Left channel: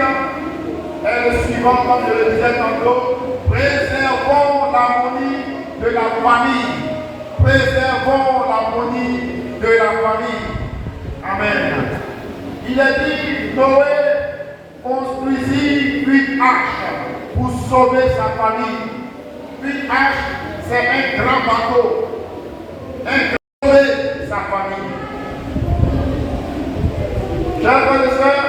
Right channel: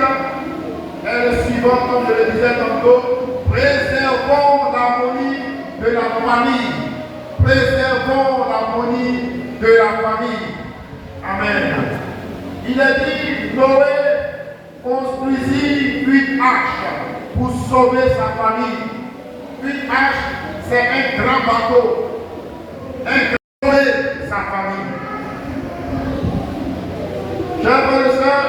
est le suivant, comme je le disais tantôt. Préservons l'harmonie de la famille. Préservons l'harmonie de la famille. Amen. Il est dit, Noé construisit une arche pour sauver sa famille. Une arche, c'est un grand bateau. Un sauver sa famille. Chers frères et sœurs,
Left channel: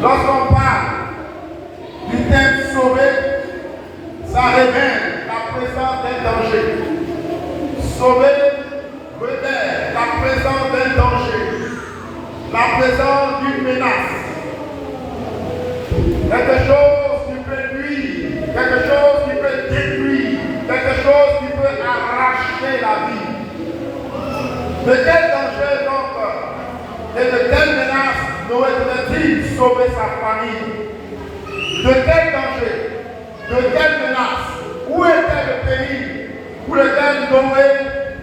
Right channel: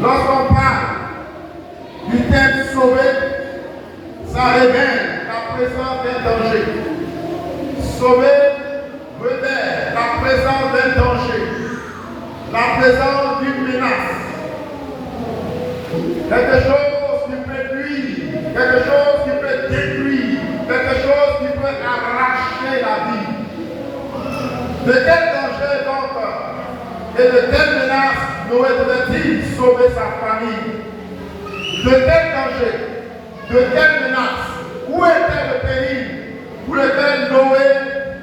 lorsqu'on parle du terme sauver, ça révèle la présence d'un danger. Sauver révèle la présence d'un danger, la présence d'une menace. Quelque chose qui peut nuire, quelque chose qui peut détruire, quelque chose qui peut arracher la vie. De quel danger donc et de quelle menace Noé devait-il sauver sa famille? De quel danger? De quelle menace? Où était le péril pour lequel Noé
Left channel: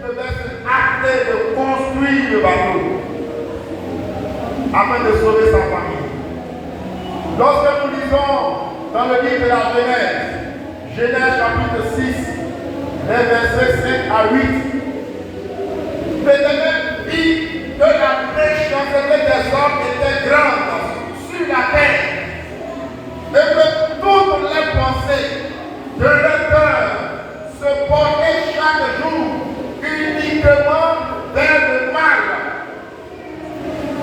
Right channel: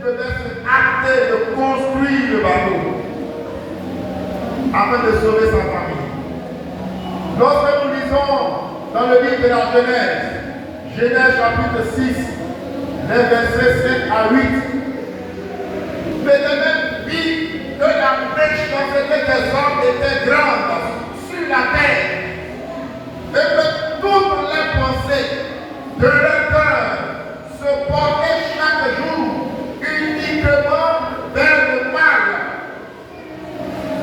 devait se hâter de construire le bateau afin de sauver sa famille? Lorsque nous lisons dans le livre de la Genèse chapitre 6, les versets 5 à 8, l'Éternel vit que la méchanceté des hommes était grande sur la terre et que toutes les pensées de leur cœur se portaient chaque jour uniquement vers le mal.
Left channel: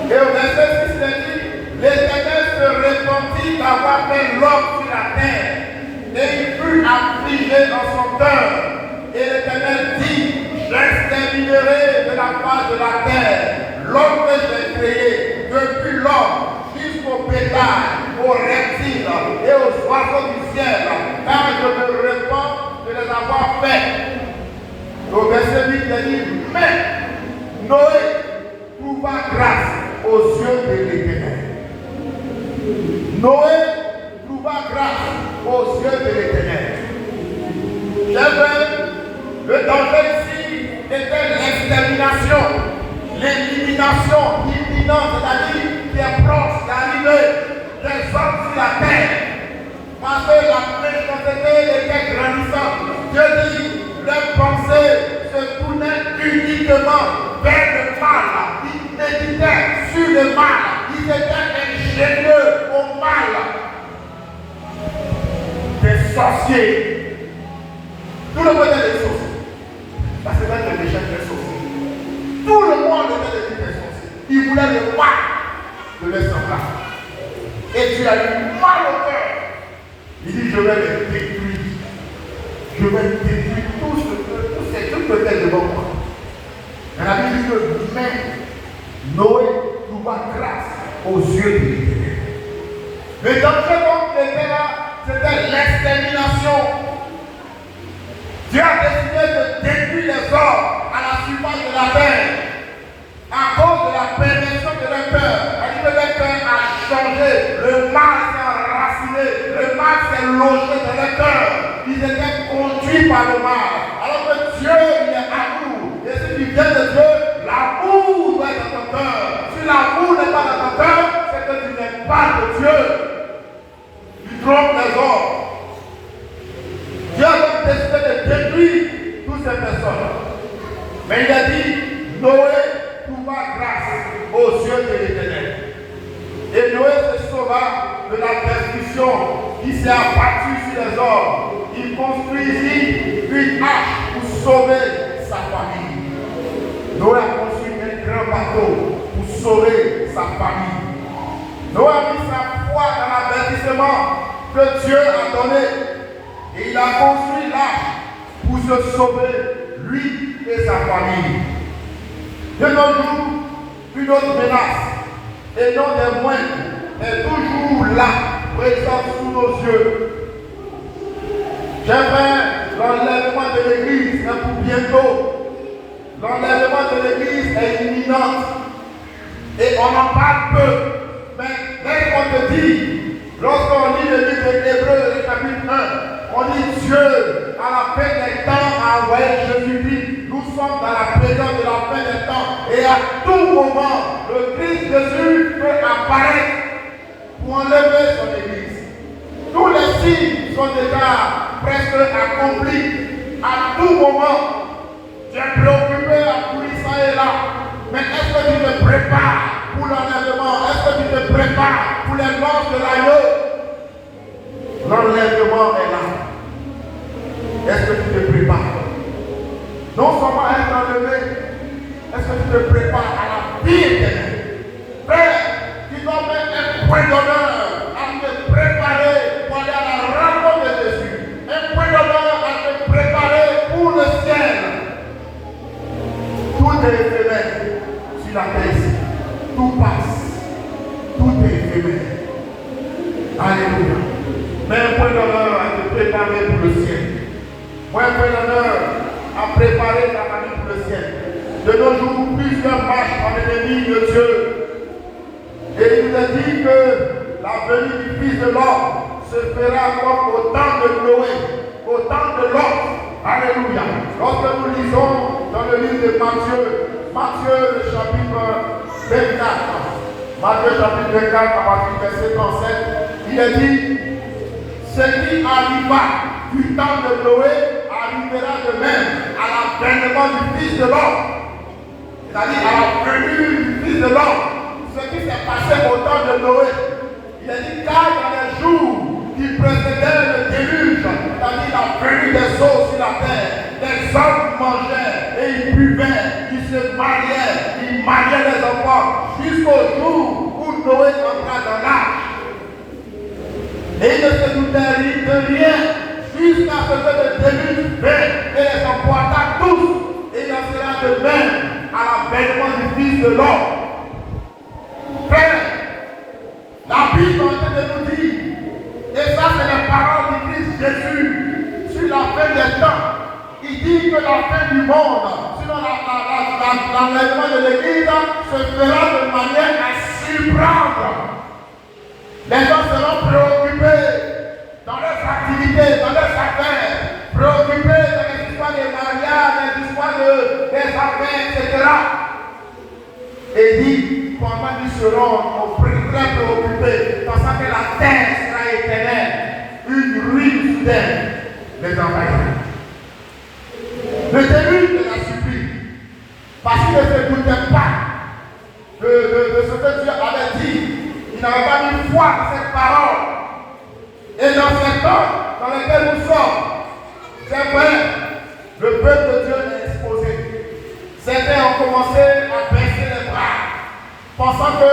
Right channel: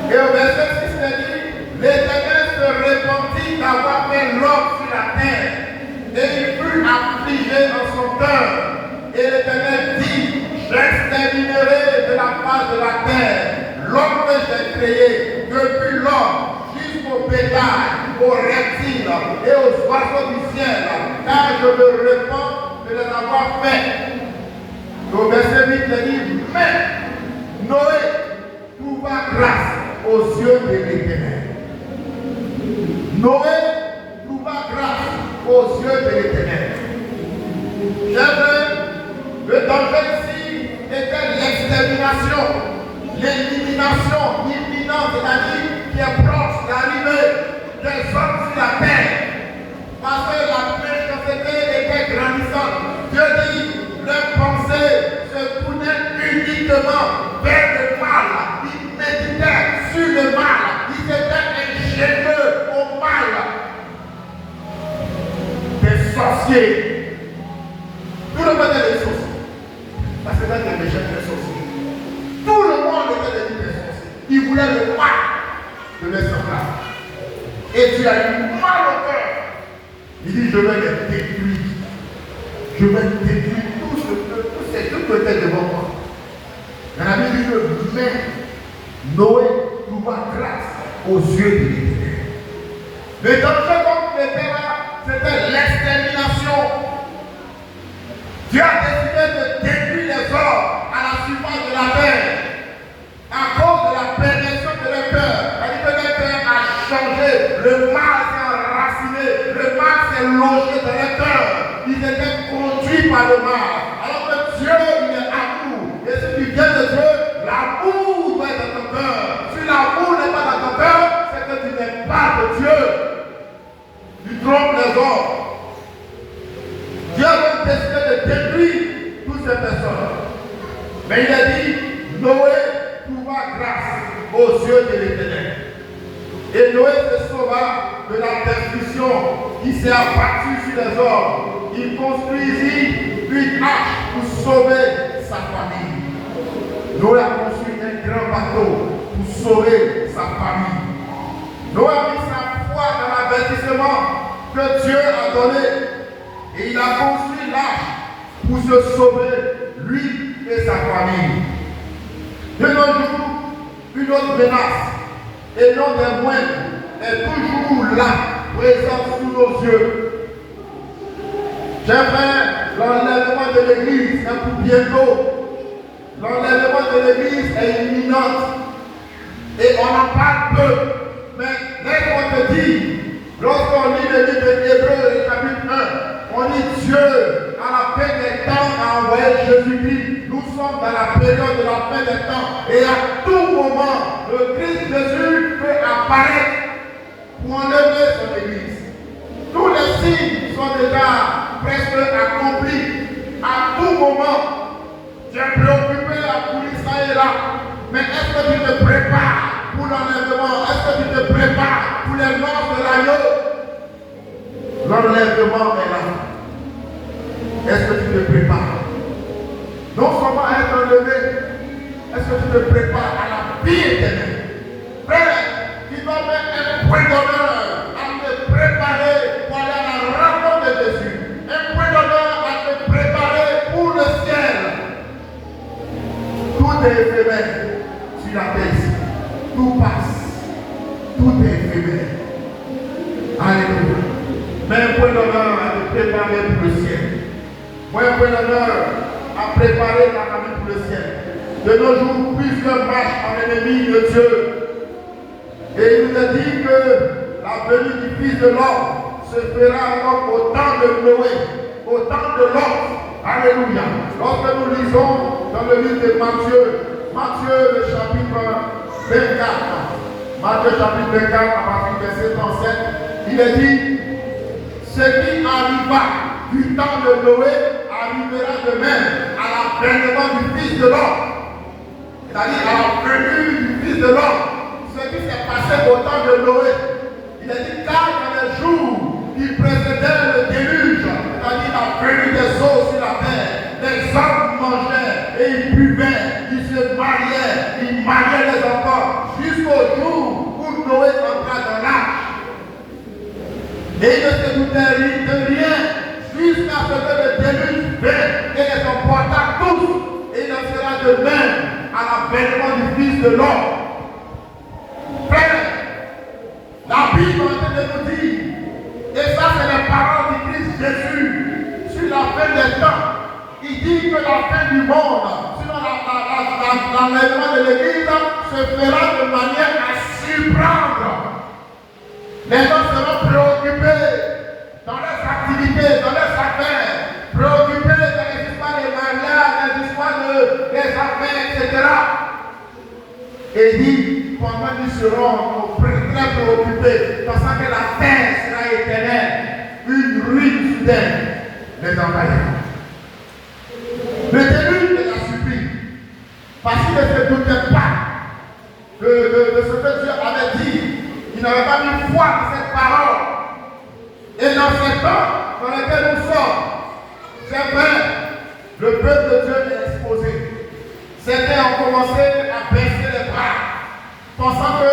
Et au verset 6, il dit, l'Éternel se repentit d'avoir fait l'homme sur la terre et il fut affligé dans son cœur. Et l'Éternel dit, j'exterminerai de la face de la terre l'homme que j'ai créé, depuis l'homme jusqu'au bétail, aux reptiles et aux oiseaux du ciel, car je me répands de les avoir faits. Au verset 8, il dit, mais Noé trouva grâce aux yeux de l'Éternel. Noé trouva grâce aux yeux de l'Éternel. Le danger ici était l'extermination, l'élimination imminente, c'est-à-dire qui est proche d'arriver des hommes sur la terre. Parce que la méchanceté était grandissante. Dieu dit, leurs pensées se tournaient uniquement vers le mal. Ils méditaient sur le mal. Ils étaient ingénieux au mal. Des sorciers. Tout le monde est des sorciers. Parce que là, les méchants étaient sorciers. Tout le monde était des sorciers. Ils voulaient le mal de leur semblable. Et tu as eu mal au cœur. Il dit, je vais les détruire. Je vais détruire tout ce trucs que tu devant moi. Mais la Bible dit que même Noé trouva grâce aux yeux de l'Éternel. Le danger contre était là, c'était l'extermination. Dieu a décidé de détruire les hommes à la surface de la terre à cause de la perversion de leur cœur. C'est-à-dire que leur cœur a changé, le mal s'est enraciné, le mal s'est logé dans leur cœur. Ils étaient conduits par le mal. Alors que Dieu, il est amour. Et si tu viens de Dieu, l'amour doit être dans ton cœur. Si l'amour n'est pas dans ton cœur, c'est que tu n'es pas de Dieu. Tu trompes les hommes. Dieu a décidé de détruire toutes ces personnes. Mais il a dit, Noé trouva grâce aux yeux de l'Éternel. Et Noé se sauva de la destruction qui s'est abattue sur les hommes. Il construisit une arche pour sauver sa famille. Noé a construit un grand bateau pour sauver sa famille. Noé a mis sa foi dans l'avertissement que Dieu a donné. Et il a construit l'arche pour se sauver, lui et sa famille. De nos jours, une autre menace, et non des moindres, est toujours là, présente sous nos yeux. J'aimerais l'enlèvement de l'Église est pour bientôt. L'enlèvement de l'Église est imminente. Et on en parle peu. Mais dès qu'on te dit, lorsqu'on lit le livre d'Hébreux, le chapitre 1, on dit Dieu, à la fin des temps, a envoyé Jésus-Christ. Nous sommes dans la période de la fin des temps. Et à tout moment, le Christ Jésus peut apparaître pour enlever son église. Tous les signes sont déjà presque accomplis. À tout moment, tu es préoccupé à courir ça et là. Mais est-ce que tu te prépares pour l'enlèvement? Est-ce que tu te prépares pour les morts de l'agneau? L'enlèvement est là. Est-ce que tu te prépares? Non seulement à être enlevé, est-ce que tu te prépares à la vie éternelle? Frère, tu dois mettre un point d'honneur à te préparer pour aller à la rencontre de Jésus. Un point d'honneur à te préparer pour le ciel. Tout est éphémère sur la terre ici. Tout passe. Tout est éphémère. Alléluia. Mais un point d'honneur à te préparer pour le ciel. Moi, un point d'honneur à préparer ta famille pour le ciel. De nos jours, plusieurs marchent en ennemi de Dieu. Et il a dit que la venue du Fils de l'homme se fera comme au temps de Noé, au temps de Lot. Alléluia. Lorsque nous lisons dans le livre de Matthieu le chapitre 24, Matthieu chapitre 24, à partir du verset 37, il est dit, ce qui arriva du temps de Noé arrivera de même à l'avènement du Fils de l'homme. C'est-à-dire à la venue du Fils de l'homme. Ce qui s'est passé au temps de Noé. Il a dit car dans les jours qui précédaient le déluge, c'est-à-dire la venue des eaux sur la terre, les hommes mangeaient et ils buvaient, ils se mariaient, ils mariaient les enfants, jusqu'au jour où Noé entrait dans l'arche. Et il ne se doutait de rien jusqu'à ce que le déluge vienne et les emporta tous. Et il en sera de même à l'avènement du Fils de l'homme. Frère, la Bible de nous dire, et ça c'est les paroles du Christ Jésus, sur la fin des temps, il dit que la fin du monde, sur l'enlèvement de l'Église, se fera de manière à surprendre. Les gens seront préoccupés dans leurs activités, dans leurs affaires, préoccupés dans les histoires des mariages, les histoires des affaires, etc. Et dit, pendant qu'ils seront très préoccupés, pensant que la terre sera éternelle, une ruine soudaine les envahira. Le déluge de la supplie, parce qu'il ne se doutait pas de ce que Dieu avait dit, il n'avait pas mis foi à cette parole. Et dans ce temps dans lequel nous sommes, c'est vrai, le peuple de Dieu est exposé. Certains ont commencé à baisser les bras, pensant que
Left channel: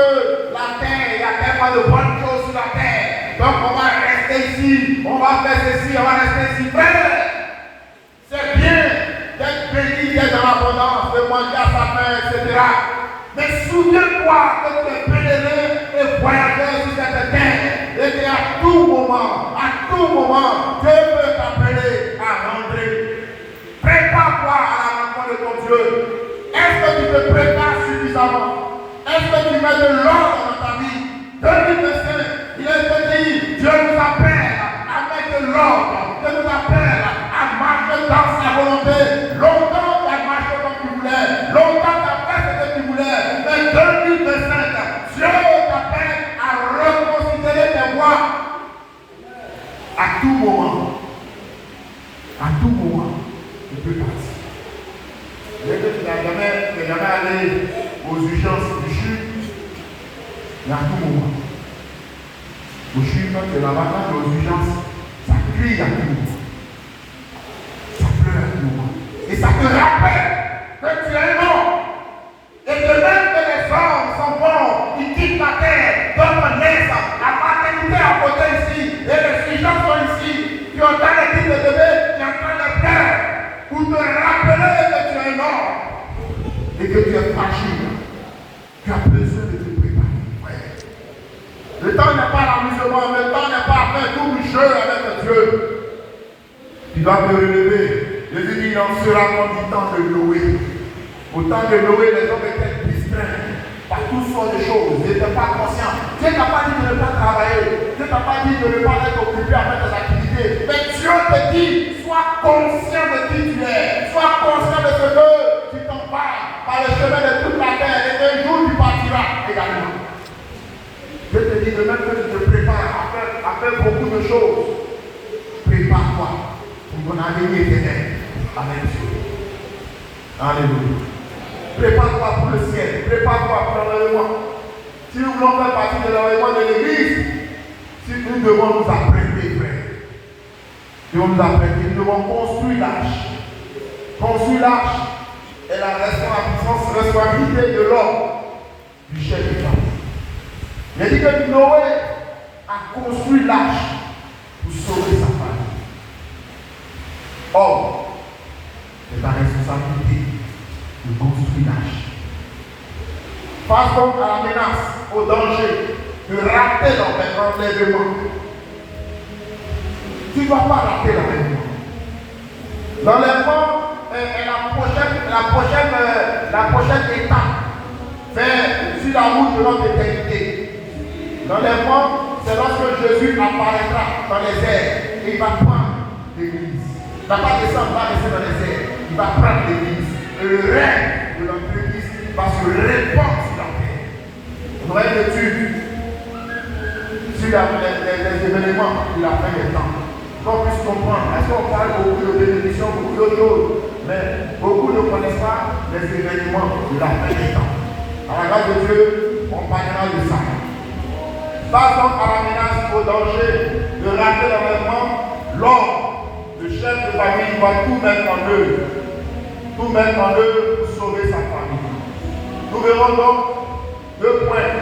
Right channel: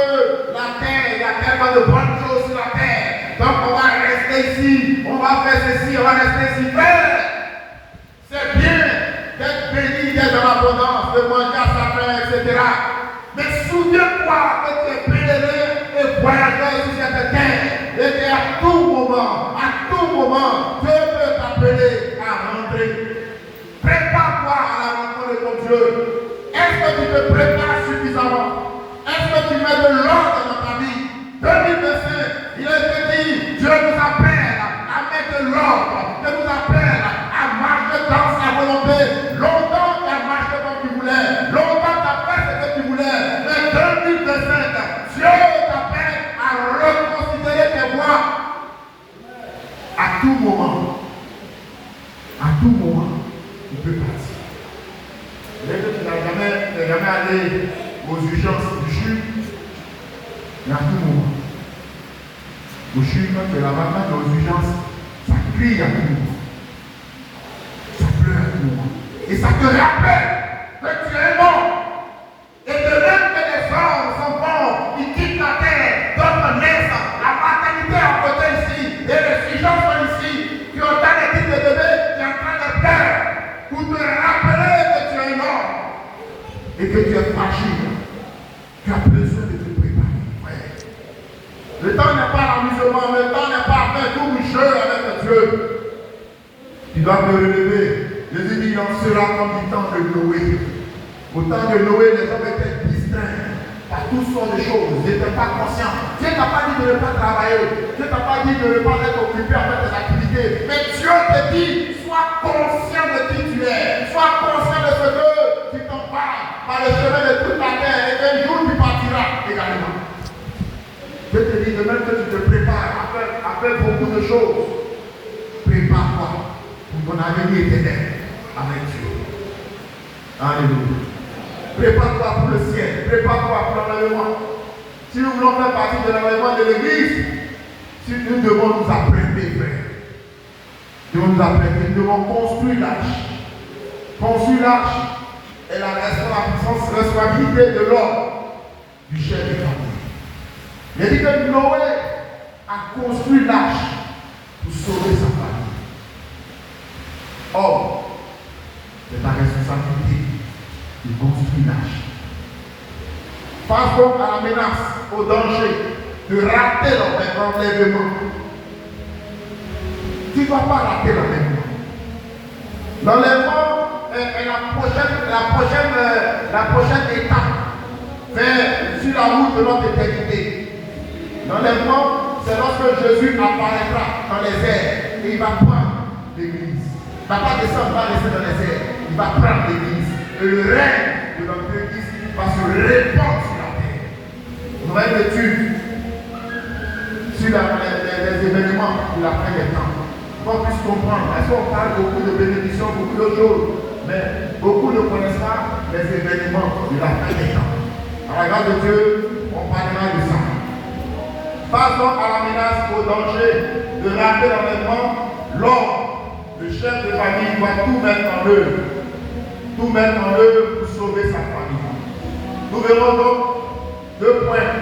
la terre, il y a tellement de bonnes choses sur la terre. Donc on va rester ici, on va faire ceci, on va rester ici. Frère, c'est bien d'être béni, d'être dans l'abondance, de manger à sa faim, etc. Mais souviens-toi que tu es pèlerin et voyageur sur cette terre. Et qu'à tout moment, Dieu peut t'appeler à rentrer. Prépare-toi à la rencontre de ton Dieu. Est-ce que tu te prépares suffisamment? Est-ce que tu mets de l'ordre dans ta vie? 2025, il est dit, Dieu nous appelle à mettre de l'ordre. Dieu nous appelle à marcher dans sa volonté. Longtemps tu as marché comme tu voulais. Longtemps tu as fait ce que tu voulais. Mais 2025, Dieu t'appelle à reconsidérer tes voies. À tout moment, tu peux partir. Dès que tu n'es jamais allé aux urgences du CHU, mais à tout moment. Au CHU, quand tu es là-bas, quand tu es aux urgences, ça crie à tout moment. Ça pleure à tout moment. Et ça te rappelle que tu es mort. Et de même que les hommes sont bons, ils quittent la terre, donnent naissance, la paternité à côté ici, et les urgences sont ici, qui ont donné des bébés, qui sont en train de pleurer, pour te rappeler que tu es mort. Et que tu es fragile. Tu as besoin de te préparer. Le temps n'est pas l'amusement, le temps n'est pas faire tout le jeu avec Dieu. Tu dois te relever. Jésus dit, il en sera comme du temps de Noé. Au temps de Noé, les hommes étaient distraits par toutes sortes de choses. Ils n'étaient pas conscients. Dieu t'a pas dit de ne pas travailler. Dieu t'a pas dit de ne pas être occupé avec tes activités. Mais Dieu te dit, sois conscient de qui tu es. Sois conscient de ce que tu t'empares par le chemin de toute la terre. Et un jour, tu partiras également. Je te dis, de même que tu te prépares chose. Prépare-toi pour ton avenir éternel avec Dieu. Alléluia. Prépare-toi pour le ciel. Prépare-toi pour l'enlèvement. Si nous voulons faire partie de l'enlèvement de l'église, si nous devons nous apprêter, frère. Nous devons nous apprêter. Nous devons construire l'arche. Construire l'arche est la responsabilité de l'homme, du chef de famille. Il a dit que Noé a construit l'arche pour sauver sa famille. Or, c'est ta responsabilité de construire l'arche. Face donc à la menace, au danger, de rater l'enlèvement. Tu ne vas pas rater l'enlèvement. L'enlèvement est la prochaine étape sur la route de notre éternité. L'enlèvement, c'est lorsque Jésus apparaîtra dans les airs et il va prendre l'église. Il ne va pas descendre, il va rester dans les airs. Il va prendre l'église. Et le règne de notre église va se répandre sur la terre. On aurait une étude sur les événements de la fin des temps. Qu'on puisse comprendre. Parce qu'on parle beaucoup de bénédictions, beaucoup de choses. Mais beaucoup ne connaissent pas les événements de la fin des temps. À la grâce de Dieu, on parlera de ça. Face donc à la menace, au danger de rater l'enlèvement, l'homme, le chef de famille, doit tout mettre en œuvre. Tout mettre en œuvre pour sauver sa famille. Nous verrons donc 2 points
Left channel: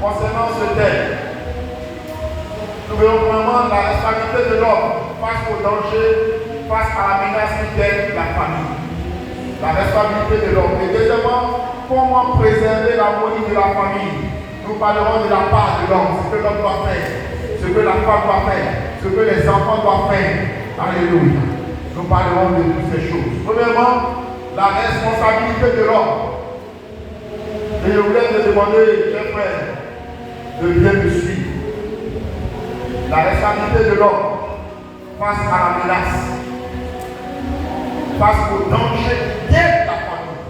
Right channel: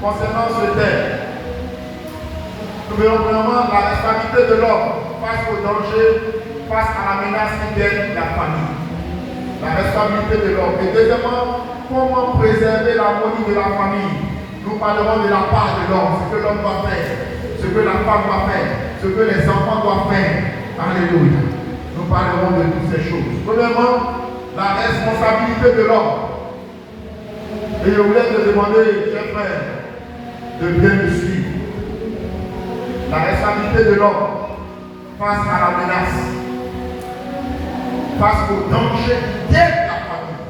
concernant ce thème. Nous verrons vraiment la responsabilité de l'homme face au danger, face à la menace qui guette la famille. La responsabilité de l'homme. Et deuxièmement, comment préserver l'harmonie de la famille. Nous parlerons de la part de l'homme, ce que l'homme doit faire, ce que la femme doit faire, ce que les enfants doivent faire. Alléluia. Nous parlerons de toutes ces choses. Premièrement, la responsabilité de l'homme. Et je voulais te demander, chers frères, de bien me suivre. La responsabilité de l'homme face à la menace, face au danger qui guette la famille.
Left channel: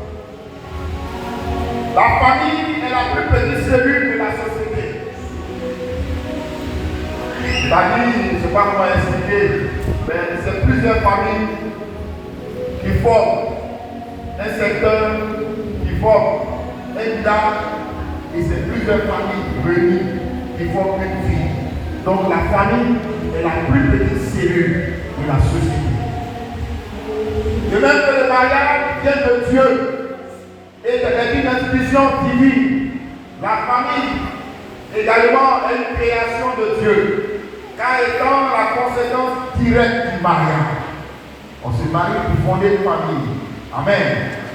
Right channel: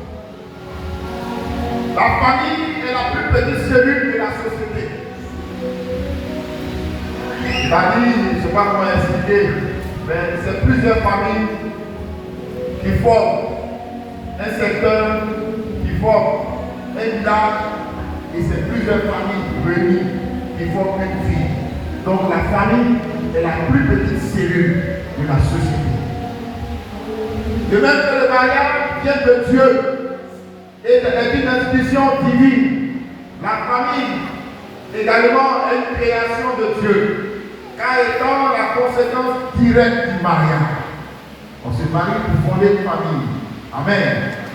La famille est la plus petite cellule de la société. La famille, je ne sais pas comment expliquer, mais c'est plusieurs familles qui forment un secteur, qui forment un village, et c'est plusieurs familles réunies qui forment une vie. Donc la famille est la plus petite cellule de la société. De même que le mariage vient de Dieu et est une institution divine, la famille également est une création de Dieu, car étant la conséquence directe du mariage. On se marie pour fonder une famille. Amen.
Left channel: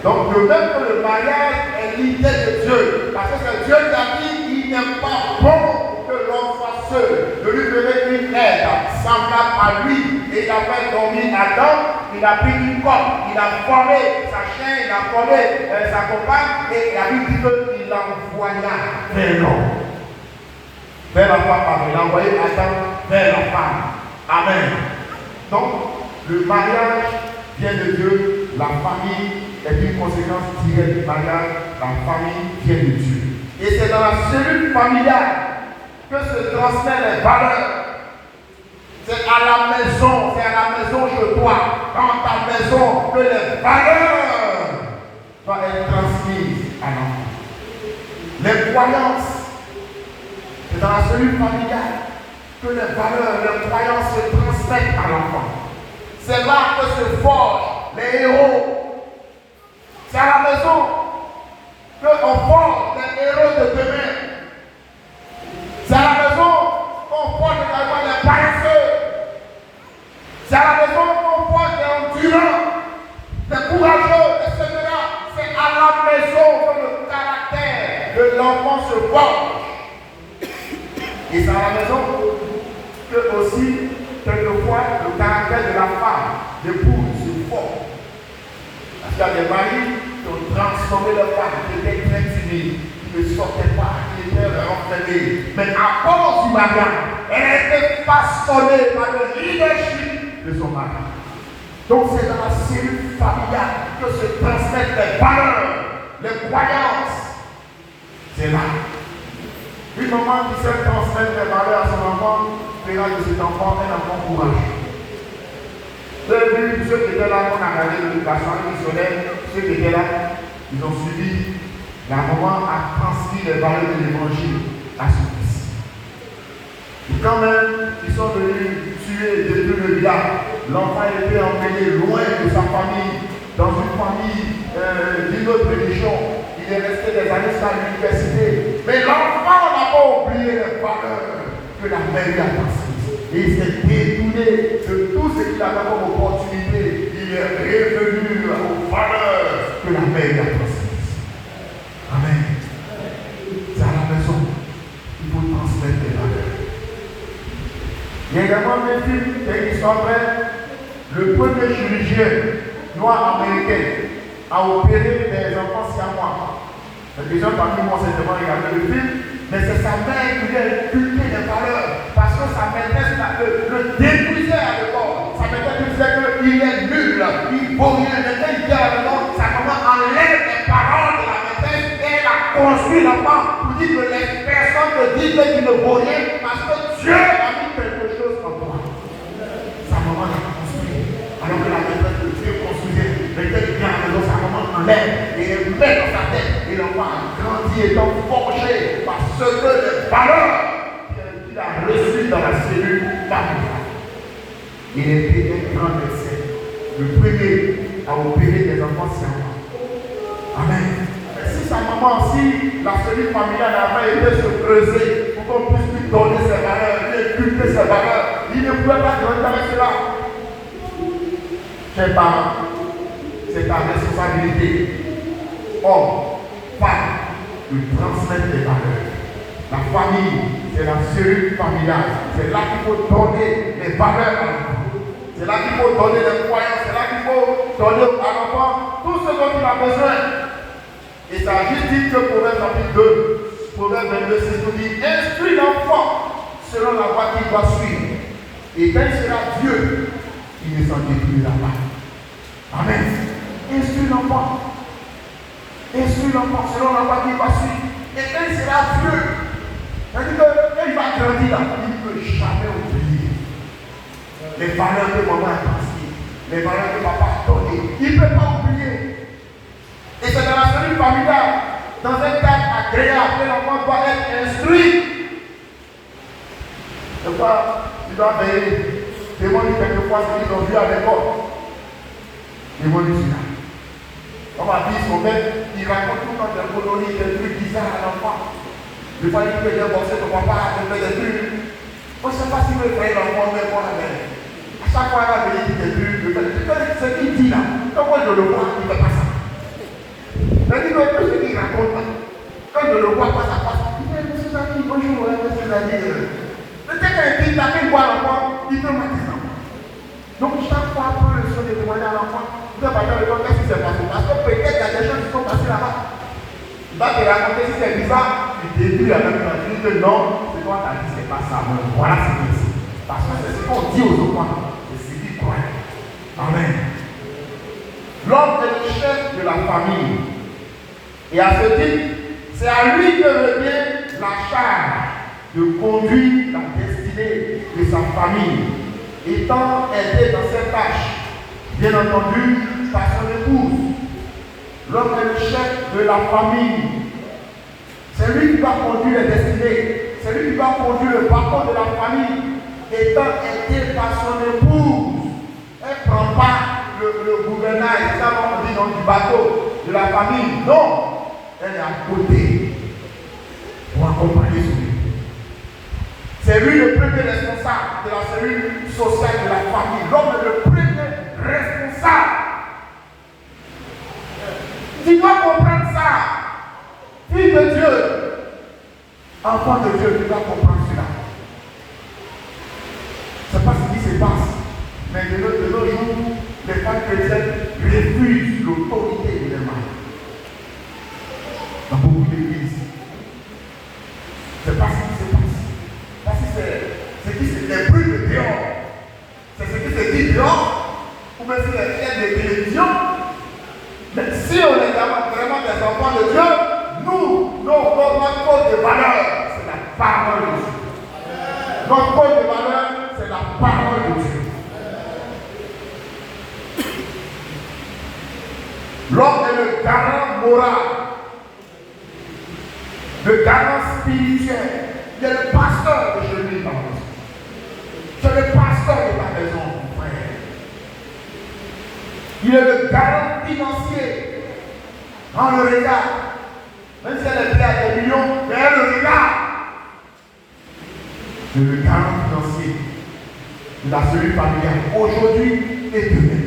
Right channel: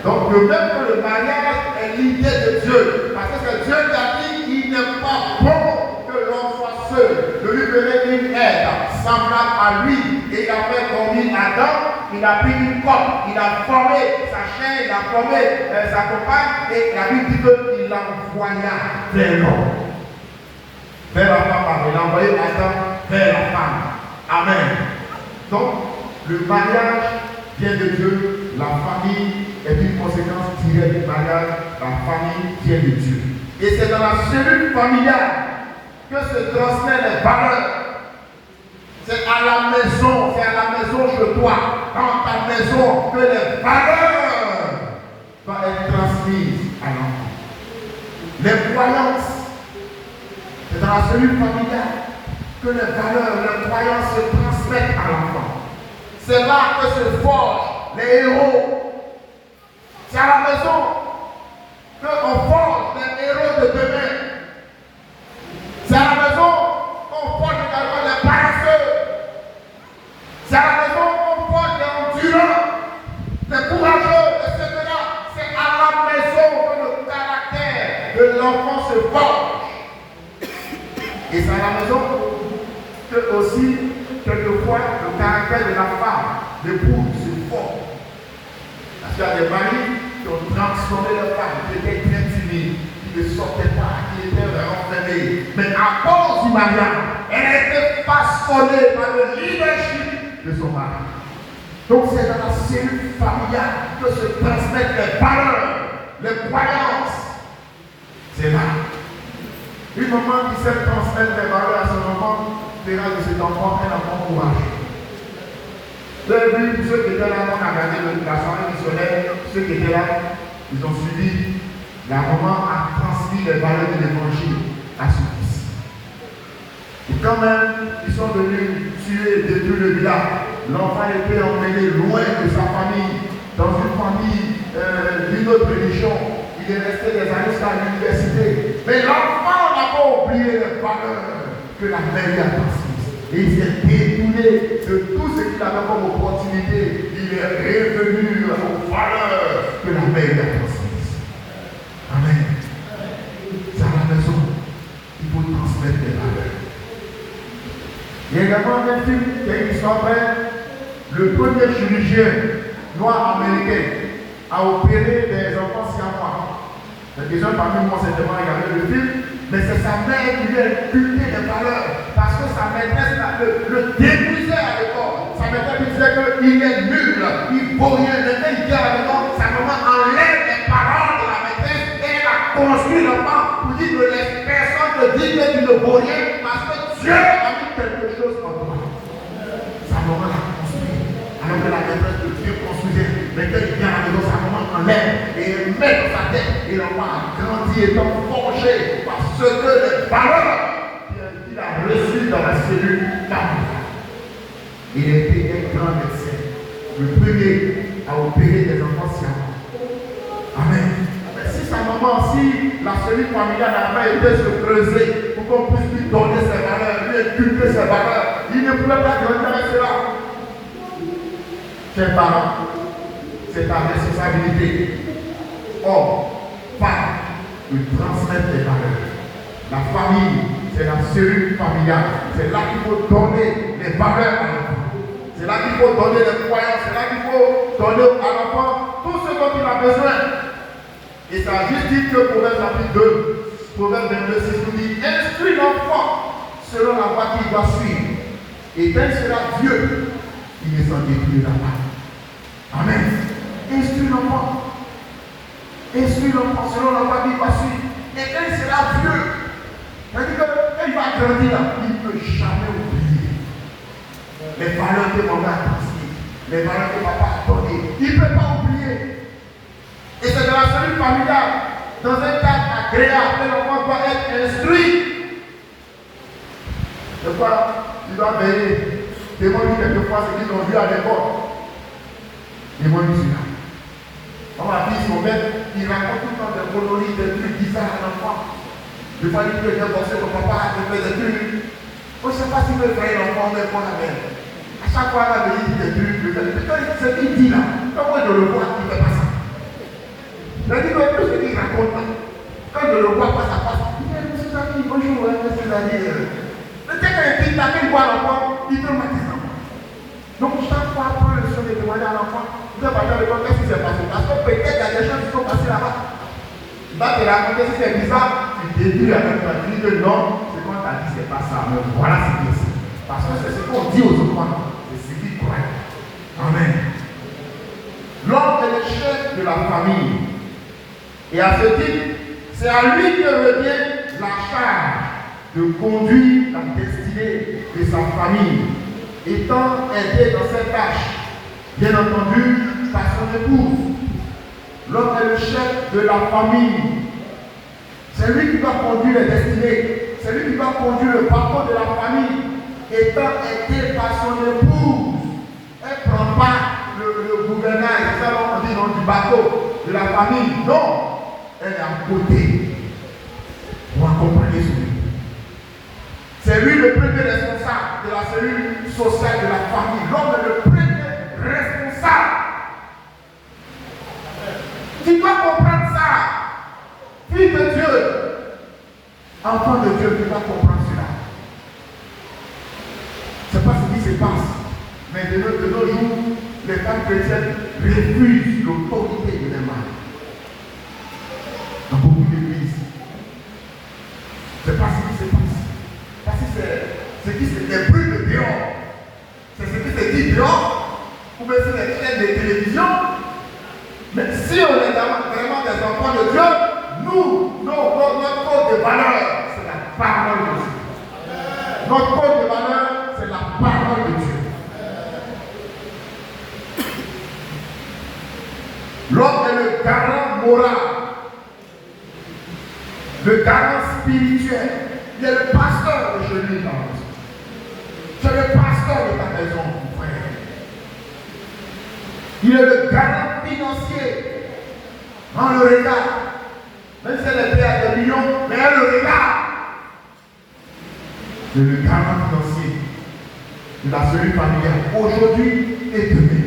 Donc de même que le mariage est l'idée de Dieu, parce que c'est Dieu qui a dit qu'il n'est pas bon que l'homme soit seul, de lui donner une aide semblable à lui, et il a fait dormir Adam, il a pris une corde, il a formé sa chaîne, il a formé sa compagne, et la Bible dit qu'il l'envoya vers l'homme. Vers la femme, pardon, il a envoyé Adam vers la femme. Amen. Donc, le mariage vient de Dieu, la famille est une conséquence directe du mariage, la famille vient de Dieu. Et c'est dans la cellule familiale que se transmettent les valeurs. C'est à la maison chez toi, dans ta maison, que les valeurs doivent être transmises à l'enfant. Les croyances, c'est dans la cellule familiale que les valeurs, les croyances se transmettent à l'enfant. C'est là que se forgent les héros. C'est à la maison qu'on forge les héros de demain. C'est à la maison qu'on forge également les paresseux. C'est à la maison qu'on forge les endurants, les courageux, etc. C'est à la maison que le caractère de l'enfant se forge. Et c'est à la maison que aussi, quelquefois, le caractère de la femme, l'épouse, se forge. Parce qu'il y a des maris qui ont transformé leur femme, qui étaient très timides, qui ne sortaient pas, qui étaient renfermés. Mais à cause du mariage, elle a été façonnée par le leadership de son mari. Donc c'est dans la cellule familiale que se transmettent les valeurs, les croyances. C'est là. Une maman qui sait transmettre les valeurs à son enfant, verra fera de cet enfant un enfant courageux. Depuis ceux qui étaient là, on a regardé la soirée missionnaire, ceux qui étaient là, ils ont suivi. La maman a transmis les valeurs de l'évangile à son fils. Et quand même, ils sont venus tuer et détruire le village. L'enfant était emmené loin de sa famille, dans une famille d'une autre religion. Il est resté des années à l'université. Mais l'enfant n'a pas oublié les valeurs que la mère lui a transmises. Et il s'est détourné de tout ce qu'il avait comme opportunité. Il est revenu aux valeurs que la mère lui a transmises. Amen. C'est à la maison qu'il faut transmettre les valeurs. Il y a également un film qui est une histoire vraie. Le premier chirurgien noir américain a opéré des enfants siamois. Les gens parmi moi certainement regardé le film, mais c'est sa mère qui lui a inculqué les valeurs. Parce que sa maîtresse le détruisait à l'école. Sa maîtresse lui disait qu'il est nul, il vaut rien. Maintenant, il dit à la maison, sa maman enlève les paroles de la maîtresse et elle a construit l'enfant pour dire que les personnes te disent que tu ne vaux rien parce que Dieu a mis quelque chose en toi. Sa maman l'a construit. Alors que la maîtresse de Dieu construisait, mais qu'elle vient à la maison, sa maman enlève et elle met dans sa tête. Et l'enfant a grandi étant forgé par ce que les valeurs qu'il a reçues dans la cellule familiale. Il était un grand médecin. Le premier à opérer des enfants siamois. Amen. Et si sa maman, si la cellule familiale avait été se creuser pour qu'on puisse lui donner ses valeurs, lui inculquer ses valeurs, il ne pouvait pas grandir avec cela. Chers parents, c'est ta responsabilité. Homme, femme, ils transmettent les valeurs. La famille, c'est la cellule familiale. C'est là qu'il faut donner les valeurs à l'enfant. C'est là qu'il faut donner les croyances. C'est là qu'il faut donner à l'enfant tout ce dont il a besoin. Et ça a juste dit que Proverbe chapitre 2, Proverbe 22, 6 nous dit: instruis l'enfant selon la voie qu'il doit suivre. Et tel sera Dieu, il ne s'en détruira pas. Amen. Instruis l'enfant. Instruis l'enfant selon la voie qu'il doit suivre. Et tel sera Dieu. C'est-à-dire que quand il va grandir, il ne peut jamais oublier les valeurs que maman a transmises, les valeurs que papa a données. Il ne peut pas oublier. Et c'est dans la cellule familiale, dans un cadre agréable, que l'enfant doit être instruit. Tu dois veiller. Devant lui quelquefois ce qu'ils ont vu à l'école. Devant lui celui-là. On m'a dit son père, il raconte tout le temps des coloris, des trucs bizarres à l'enfant. Je vois lui que j'ai bossé ton papa a fait des trucs. On ne sait pas si le frère l'enfant est bon avec. À chaque fois qu'il a dit des trucs, ce qu'il dit là, comment je le vois, il ne fait pas ça. Mais il dit, tout ce qu'il raconte, quand je le vois, ça passe. Il dit, monsieur Samy, bonjour, monsieur Samy. Le texte est écrit, là, qu'il voit l'enfant, il peut me dire ça. Donc, chaque fois qu'on le son de témoigner à l'enfant, il doit parler de qu'est-ce qui s'est passé. Parce que peut-être il y a des choses qui sont passées là-bas. Il va te raconter si c'est bizarre, tu déduis avec la vie que non, c'est toi qui as dit, c'est pas ça. Mais voilà ce qui est ici. Parce que c'est ce qu'on dit aux enfants, c'est ce qu'ils croient. Amen. L'homme est le chef de la famille. Et à ce titre, c'est à lui que revient la charge de conduire la destinée de sa famille, étant aidé dans cette tâche, bien entendu, par son épouse. L'homme est le chef de la famille. C'est lui qui va conduire les destinées. C'est lui qui va conduire le parcours de la famille, étant aidé par son épouse. Elle ne prend pas le gouvernail, c'est ça qu'on dit dans du bateau de la famille. Non, elle est à côté pour accompagner son épouse. C'est lui le premier responsable de la cellule sociale de la famille. L'homme est le premier responsable. Tu dois comprendre ça. Fille de Dieu, enfant de Dieu, tu dois comprendre cela. Je ne sais pas ce qui se passe, mais de nos jours, les femmes chrétiennes refusent l'autorité des mâles. Dans beaucoup d'églises. Je ne sais pas ce qui se passe. Parce que c'est ce qui se brûle dehors. C'est ce qui se dit dehors. Ou bien c'est les chaînes de télévision. Mais si on est vraiment des enfants de Dieu, nous, notre code de valeur, c'est la parole de Dieu. Notre code de valeur, L'homme est le garant moral, le garant spirituel. Il est le pasteur de chez lui. C'est le pasteur de ta maison, mon frère. Il est le garant financier. On le regarde. Même si elle est prête à des millions, mais elle le regarde. Le garant financier. Il a celui familial aujourd'hui et demain.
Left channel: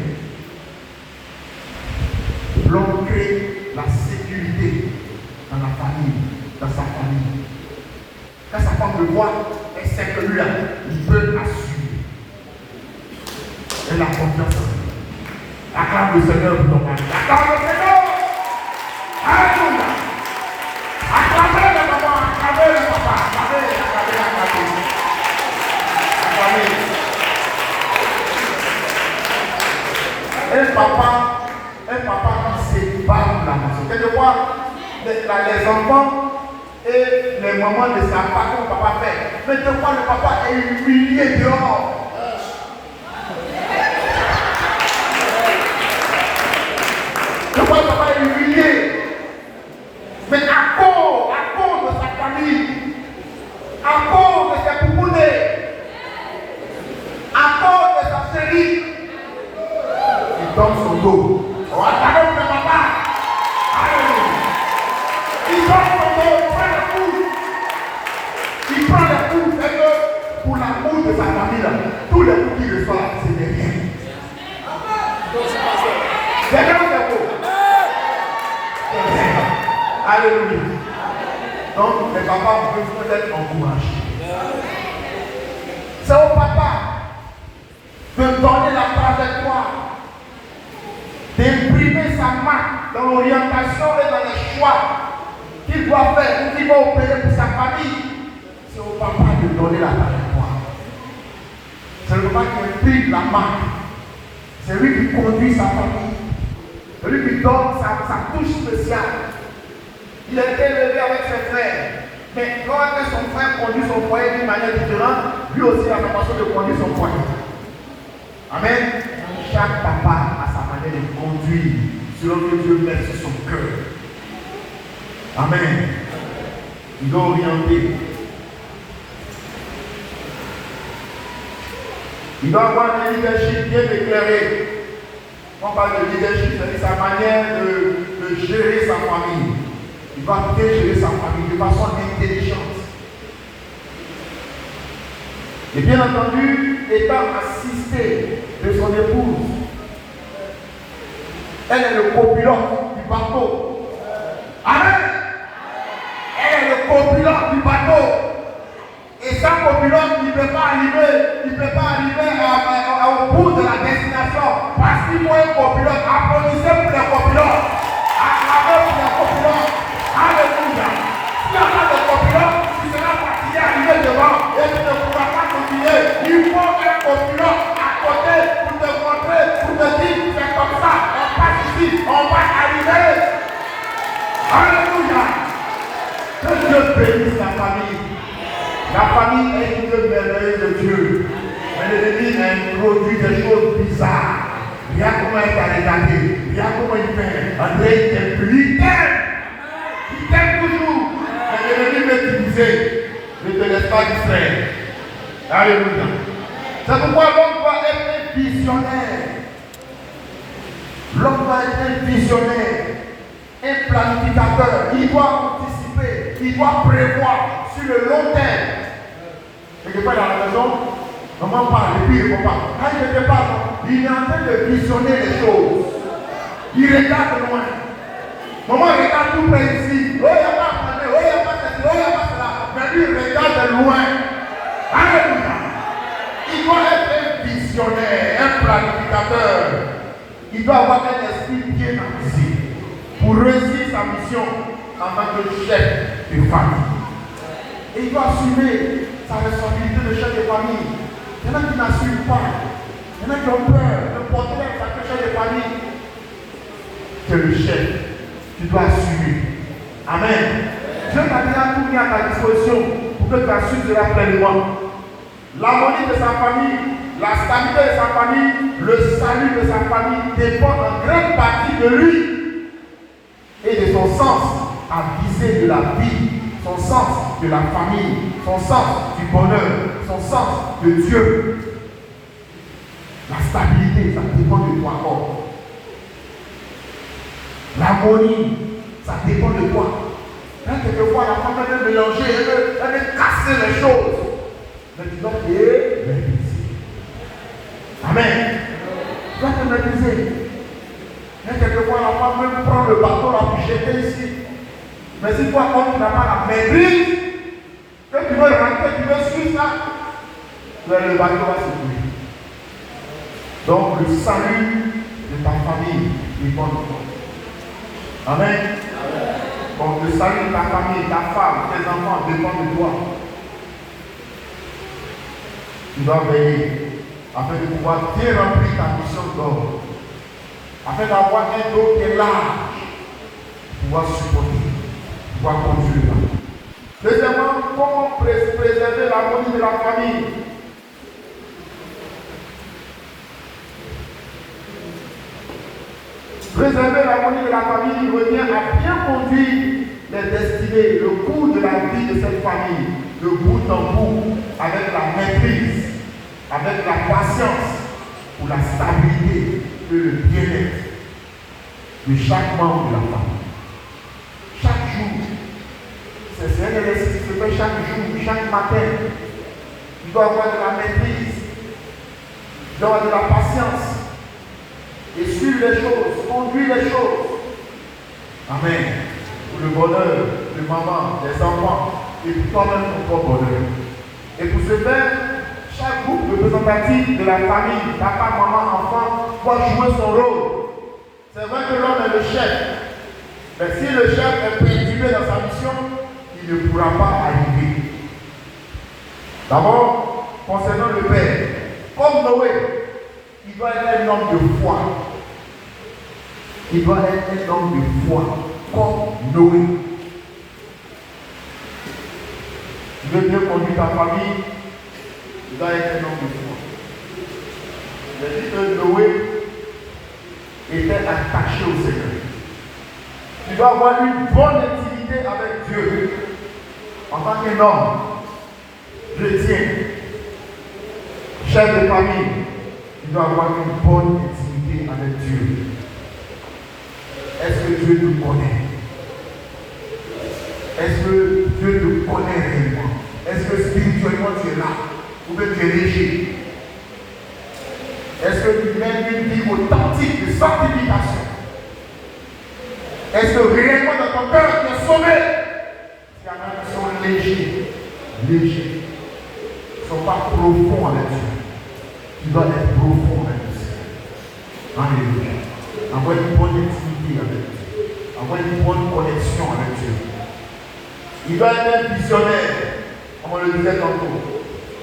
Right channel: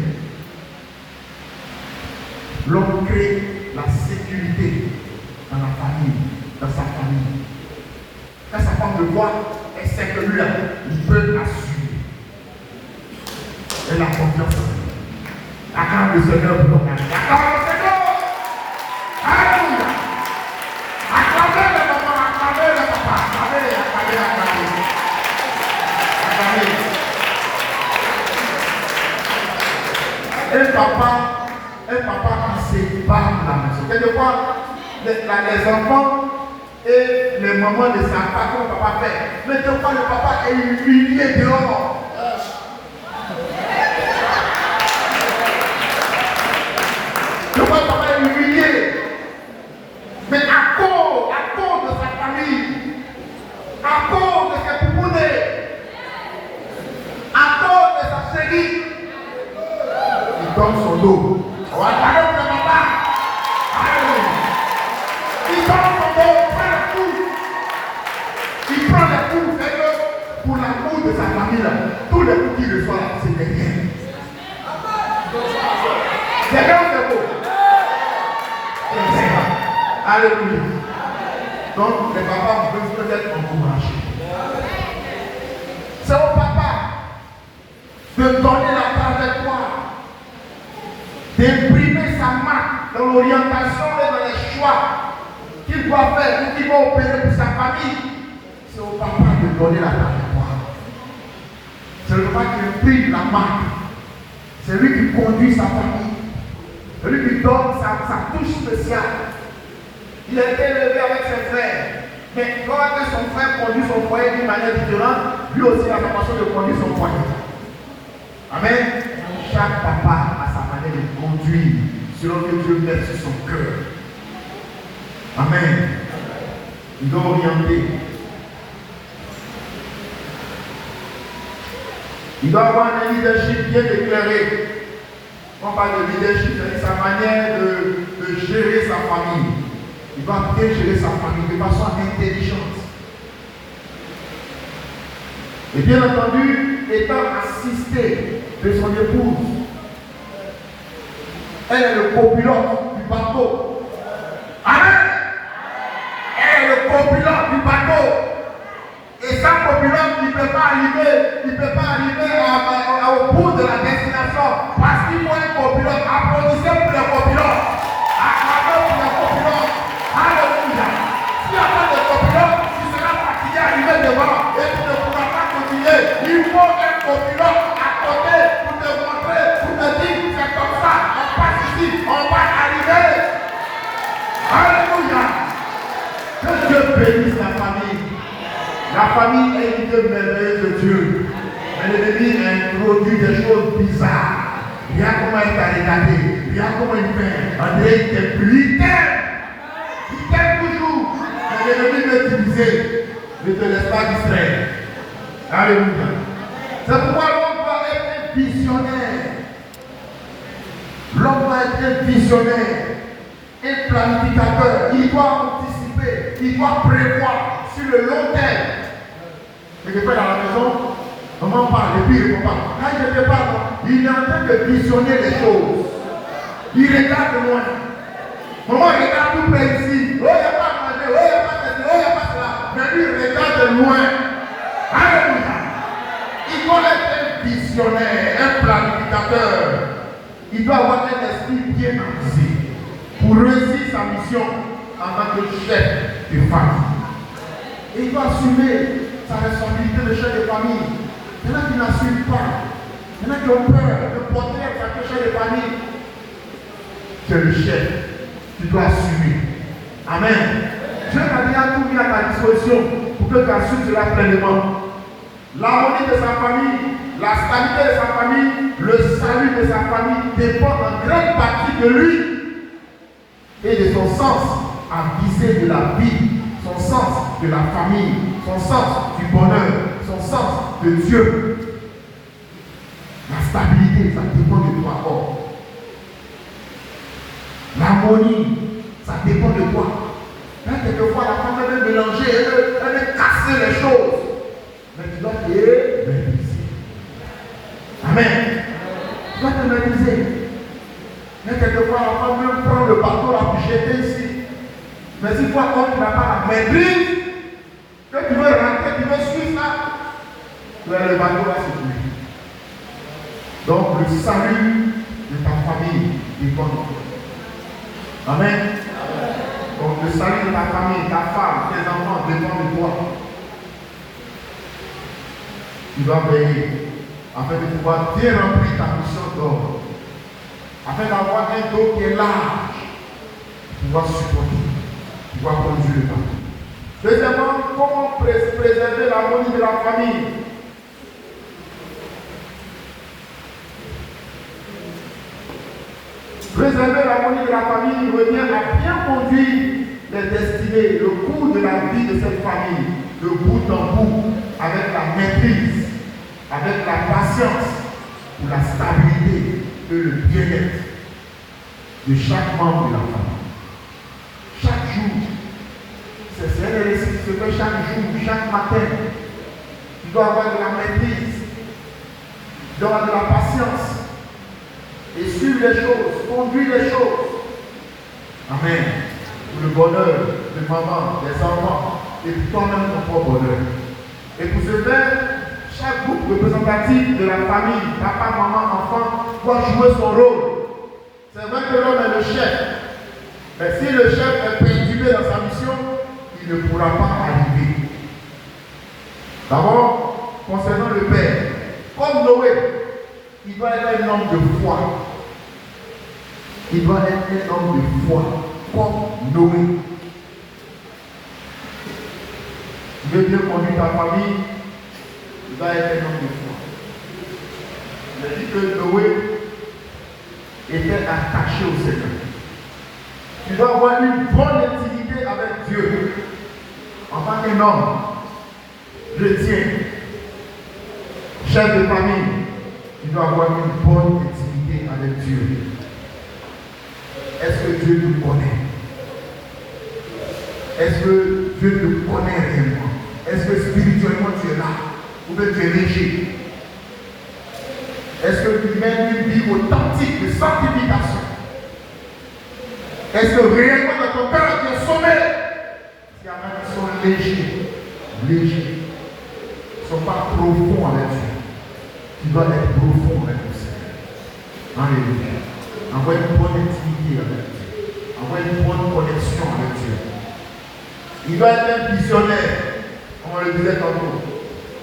L'homme crée la sécurité dans la famille, dans sa famille. Quand sa femme le voit, elle sait que lui, il peut assumer. Elle a confiance. Acclame le Seigneur pour ton mari. Acclame le Seigneur. Alléluia. Acclamez le maman, acclamez le papa. Acclamez. Un papa qui sépare la maison. Quelquefois, les enfants et les mamans ne savent pas comment le papa fait. Mais des fois, le papa est humilié dehors. Des fois, le papa est humilié. Mais à cause de sa famille, à cause de ses poupounets, à cause de sa chérie, il donne son dos. On va parler de papa. Il donne son dos, il prend la couche. Il prend la couche. Et que pour l'amour de sa famille, là, tous les coups qu'il reçoit, c'est des biens. C'est bien, c'est beau. Alléluia. Donc, les papas peuvent être encouragés. C'est au papa de donner la trajectoire, d'imprimer sa marque dans l'orientation et dans les choix qu'il doit faire ou qu'il va opérer pour sa famille. C'est au papa de donner la trajectoire. C'est le papa qui imprime la marque. C'est lui qui conduit sa famille. C'est lui qui donne sa touche spéciale. Il a été élevé avec ses frères. Mais quand son frère conduit son foyer d'une manière différente, lui aussi a la façon de conduire son foyer. Amen. Chaque papa a sa manière de conduire selon que Dieu met sur son cœur. Amen. Il doit orienter. Il doit avoir un leadership bien éclairé. On parle de leadership, c'est sa manière de gérer sa famille. Il va bien gérer sa famille de façon intelligente. Et bien entendu, étant assisté de son épouse, elle est le copilote du bateau. Amen. Elle est le copilote du bateau. Et sans copilote, il ne peut pas arriver au bout de la destination. Parce qu'il faut un copilote. Applaudissez pour le copilote. Acclamez pour le copilote. Alléluia. S'il n'y a pas de copilote, tu seras fatigué à arriver devant et tu ne pourras pas continuer. Il faut un copilote à côté pour te montrer, pour te dire c'est comme ça. On passe ici, on va arriver. Alléluia. Que Dieu bénisse la famille. La famille est une Dieu merveilleuse de Dieu. Mais l'ennemi introduit des choses bizarres. Bien comment elle t'a regardé, bien comment il fait. André, il t'aime plus. Il t'aime toujours. Mais l'ennemi veut t'utiliser. Ne te laisse pas distraire. Alléluia. C'est pourquoi l'homme doit être un visionnaire. L'homme doit être un visionnaire, un planificateur. Il doit anticiper, il doit prévoir sur le long terme. Et que dans la maison, maman parle et puis il répond pas. Quand je ne parle, il est en train de visionner les choses. Il regarde loin. Maman regarde tout près ici. Oh, il n'y a pas de oh, il n'y a pas de oh, il n'y a pas ça. Mais lui, il regarde loin. Alléluia. Il doit être un visionnaire, un planificateur. Il doit avoir un esprit bien avisé pour réussir sa mission en tant que chef de famille. Et il doit assumer sa responsabilité de chef de famille. Maintenant qu'il n'assume pas, maintenant qu'il a peur de porter sa chef de famille, c'est le chef qui doit assumer. Amen. Dieu t'a déjà tout mis à ta disposition pour que tu assumes cela pleinement. L'harmonie de sa famille, la stabilité de sa famille, le salut de sa famille dépend en grande partie de lui. et de son sens à viser de la vie, son sens de la famille, son sens du bonheur, son sens de Dieu. La stabilité, ça dépend de toi encore. L'harmonie, ça dépend de toi. Là, quelquefois, la femme veut mélanger, elle veut casser les choses. Mais tu dois te maîtriser. Amen. Tu dois te maîtriser. Mais quelquefois, la femme veut prendre le bateau, la jeter ici. Mais si toi, quand tu n'as pas la maîtrise, que tu veux rentrer, tu veux suivre ça, le bateau va se couler. Donc, le salut de ta famille est bon. Amen. Donc, le salut de ta famille, ta femme, tes enfants dépend de toi. Tu dois veiller afin de pouvoir bien remplir ta mission d'homme, afin d'avoir un dos qui est large, pouvoir supporter, pouvoir conduire le bateau. Deuxièmement, comment préserver l'harmonie de la famille? Préserver l'harmonie de la famille revient à bien conduire les destinées, le cours de la vie de cette famille, de bout en bout, avec la maîtrise, avec la patience, pour la stabilité et le bien-être de chaque membre de la famille. Chaque jour, c'est un exercice qui se fait chaque jour, chaque matin. Tu dois avoir de la maîtrise, tu dois avoir de la patience. Et suivre les choses, conduire les choses. Amen. Pour le bonheur de maman, des enfants, et pour toi-même ton propre bonheur. Et pour ce faire, chaque groupe représentatif de la famille, papa, maman, enfant, doit jouer son rôle. C'est vrai que l'homme est le chef. Mais si le chef est perturbé dans sa mission, il ne pourra pas arriver. D'abord, concernant le père, comme Noé, il doit être un homme de foi. Il doit être un homme de foi, comme Noé. Tu veux bien conduire ta famille, il doit être un homme de foi. Il dit que Noé était attaché au Seigneur. Tu dois avoir une bonne intimité avec Dieu. En tant qu'homme, chrétien, chef de famille, tu dois avoir une bonne intimité avec Dieu. Est-ce que Dieu te connaît? Est-ce que Dieu te connaît réellement? Est-ce que spirituellement tu es là? Ou que tu es léger? Est-ce que tu mènes une vie authentique de sanctification? Est-ce que réellement dans ton cœur tu es sauvé? Il y en a qui sont légers. Ils ne sont pas profonds avec Dieu. Tu dois être profond avec le Seigneur. Alléluia. Avoir une bonne intimité avec Dieu. Avoir une bonne connexion avec Dieu. Il doit être un visionnaire, comme on le disait tantôt.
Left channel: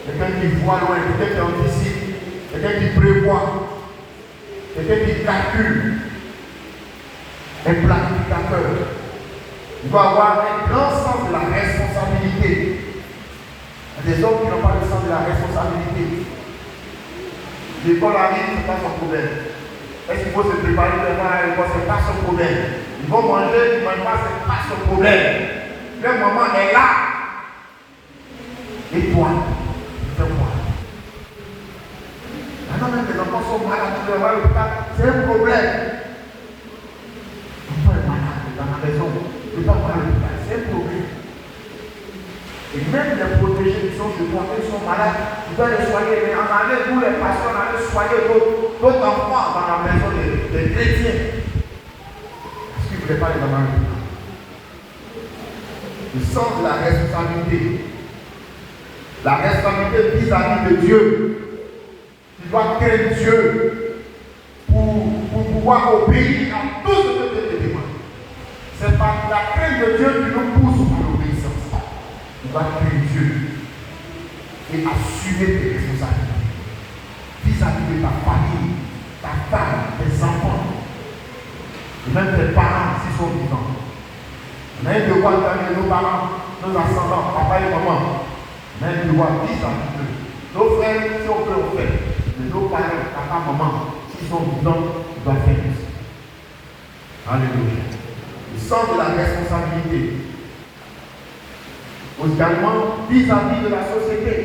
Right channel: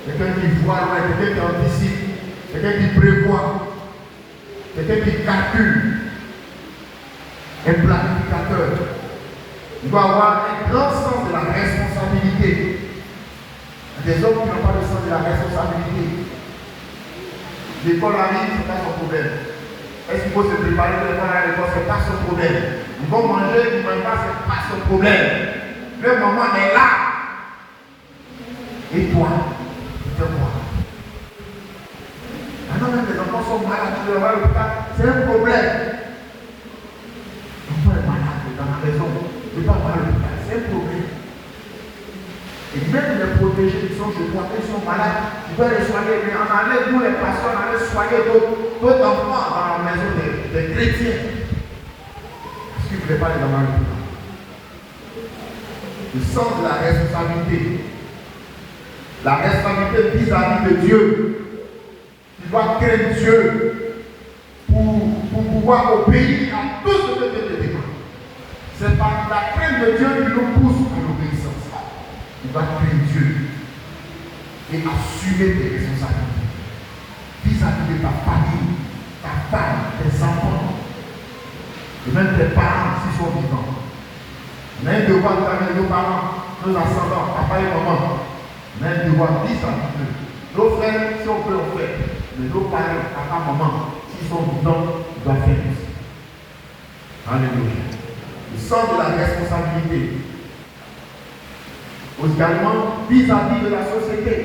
Quelqu'un qui voit loin, quelqu'un qui anticipe, quelqu'un qui prévoit, quelqu'un qui calcule, un planificateur. Il doit avoir un grand sens de la responsabilité. Il y a des hommes qui n'ont pas le sens de la responsabilité. L'école arrive, ce n'est pas son problème. Est-ce qu'il faut se préparer pour aller à l'école? Ce n'est pas son problème. Ils vont manger, ils ne mangent pas, ce n'est pas son problème. Le maman est là. Et toi, tu te vois. Maintenant, même les enfants sont malades, tu leur vois l'hôpital, c'est un problème. L'enfant est malade dans la maison, il ne va pas à l'hôpital, c'est un problème. Et même les protégés qui sont chez toi, ils sont malades, tu dois les soigner. Mais on enlève nous les pasteurs, on allait soigner d'autres enfants dans la maison des chrétiens. Parce qu'ils ne voulaient pas les amener. Le sens de la responsabilité. La responsabilité vis-à-vis de Dieu. Tu dois craindre Dieu pour pouvoir obéir à tout ce que Dieu te demande. C'est par la crainte de Dieu qui nous pousse pour l'obéissance. Tu dois craindre Dieu et assumer tes responsabilités vis-à-vis de ta famille, ta femme, tes enfants, et même tes parents s'ils sont vivants. On a un devoir de famille, nos parents, nos ascendants, papa et maman. On a un devoir vis-à-vis d'eux. Nos frères, si on peut en faire, mais nos parents, papa, maman, s'ils sont vivants, ils doivent faire ça. Alléluia. Le sens de la responsabilité. Également, vis-à-vis de la société.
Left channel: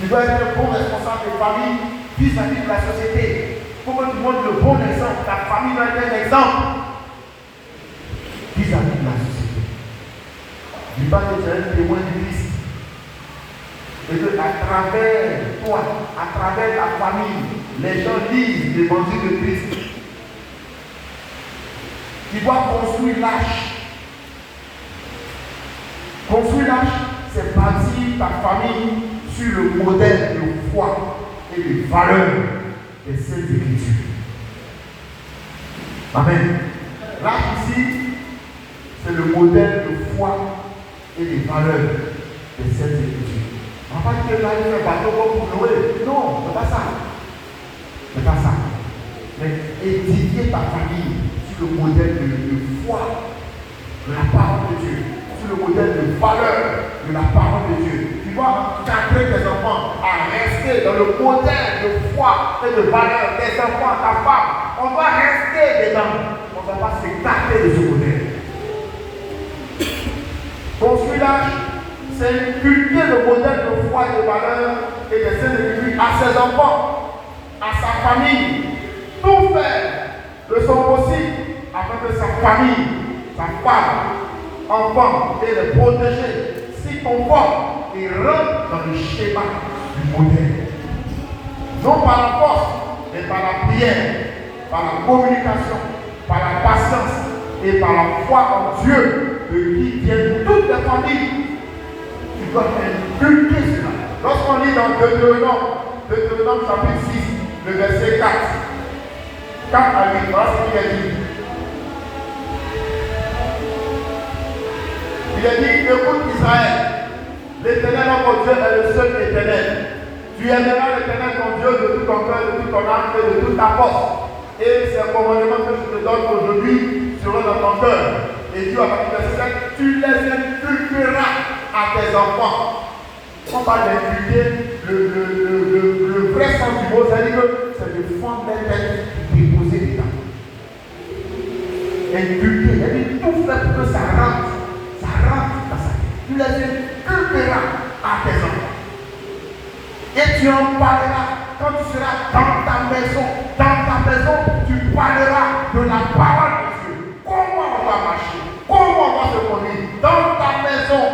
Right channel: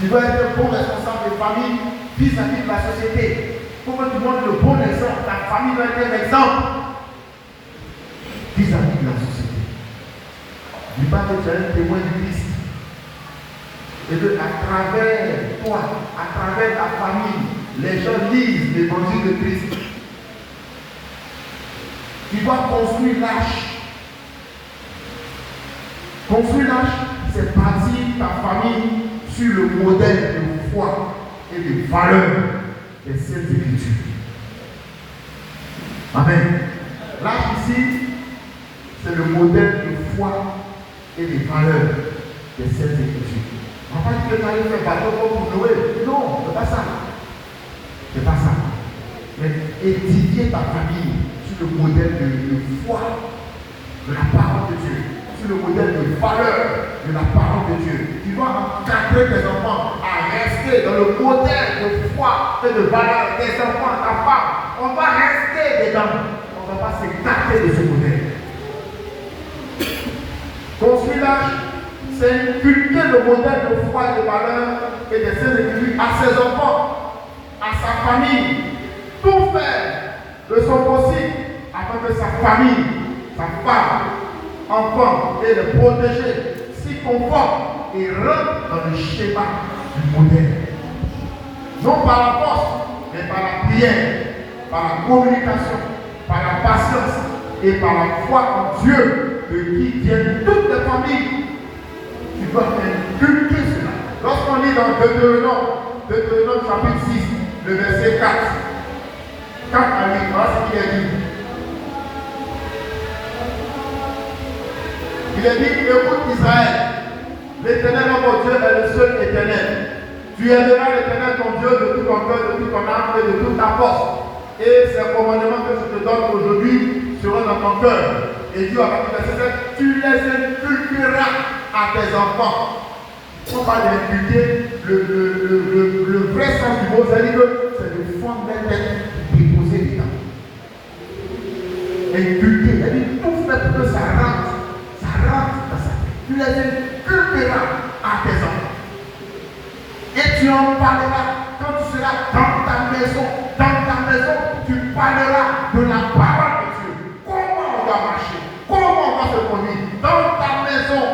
Tu dois être un bon responsable de famille vis-à-vis de la société. Pour que tu montres le bon exemple, ta famille doit être un exemple vis-à-vis de la société. Dis pas que tu es un témoin du Christ. Et que à travers toi, à travers ta famille, les gens lisent l'évangile de Christ. Tu dois construire l'arche. Construire l'arche, c'est bâtir ta famille sur le modèle de foi et de valeur des Saintes Écritures. Amen. L'arche ici, c'est le modèle de foi et de valeur des Saintes Écritures. On va pas dire que tu allais faire bateau pour Noé. Non, c'est pas ça. C'est pas ça. Mais édifier ta famille sur le modèle de foi, de la parole de Dieu, sur le modèle de valeur de la parole de Dieu. Tu dois encadrer tes enfants à rester dans le modèle de foi et de valeur des enfants, ta femme. On va rester dedans. On ne va pas s'écarter de ce modèle. Construire l'âge, c'est inculquer le modèle de foi et de valeur et des Saintes Écritures à ses enfants, à sa famille. Tout faire de son possible afin que sa famille, sa femme, enfants et les protéger, s'y conforment et rentrent dans le schéma du modèle. Non par la force, mais par la prière, par la communication, par la patience et par la foi en Dieu, de qui viennent toutes les familles. Tu dois inculquer cela. Lorsqu'on lit dans Deutéronome chapitre 6, le verset 4, 4 à 8, voilà ce qu'il est dit. Il est dit, écoute Israël, l'Éternel notre Dieu est le seul éternel. Tu aimeras l'Éternel ton Dieu de tout ton cœur, de toute ton âme et de toute ta force. Et ces commandements que je te donne aujourd'hui seront dans ton cœur. Et Dieu, à partir du verset 7, tu les inculqueras à tes enfants. On parle d'inculquer le vrai sens du mot, c'est-à-dire que c'est le fond des têtes déposé dedans. Inculquer, c'est-à-dire tout fait pour que ça rentre dans sa tête. Tu les inculqueras à tes enfants. Et tu en parleras quand tu seras dans ta maison. Dans ta maison, tu parleras de la parole de Dieu. Comment on va marcher? Comment on va se conduire? Dans ta maison.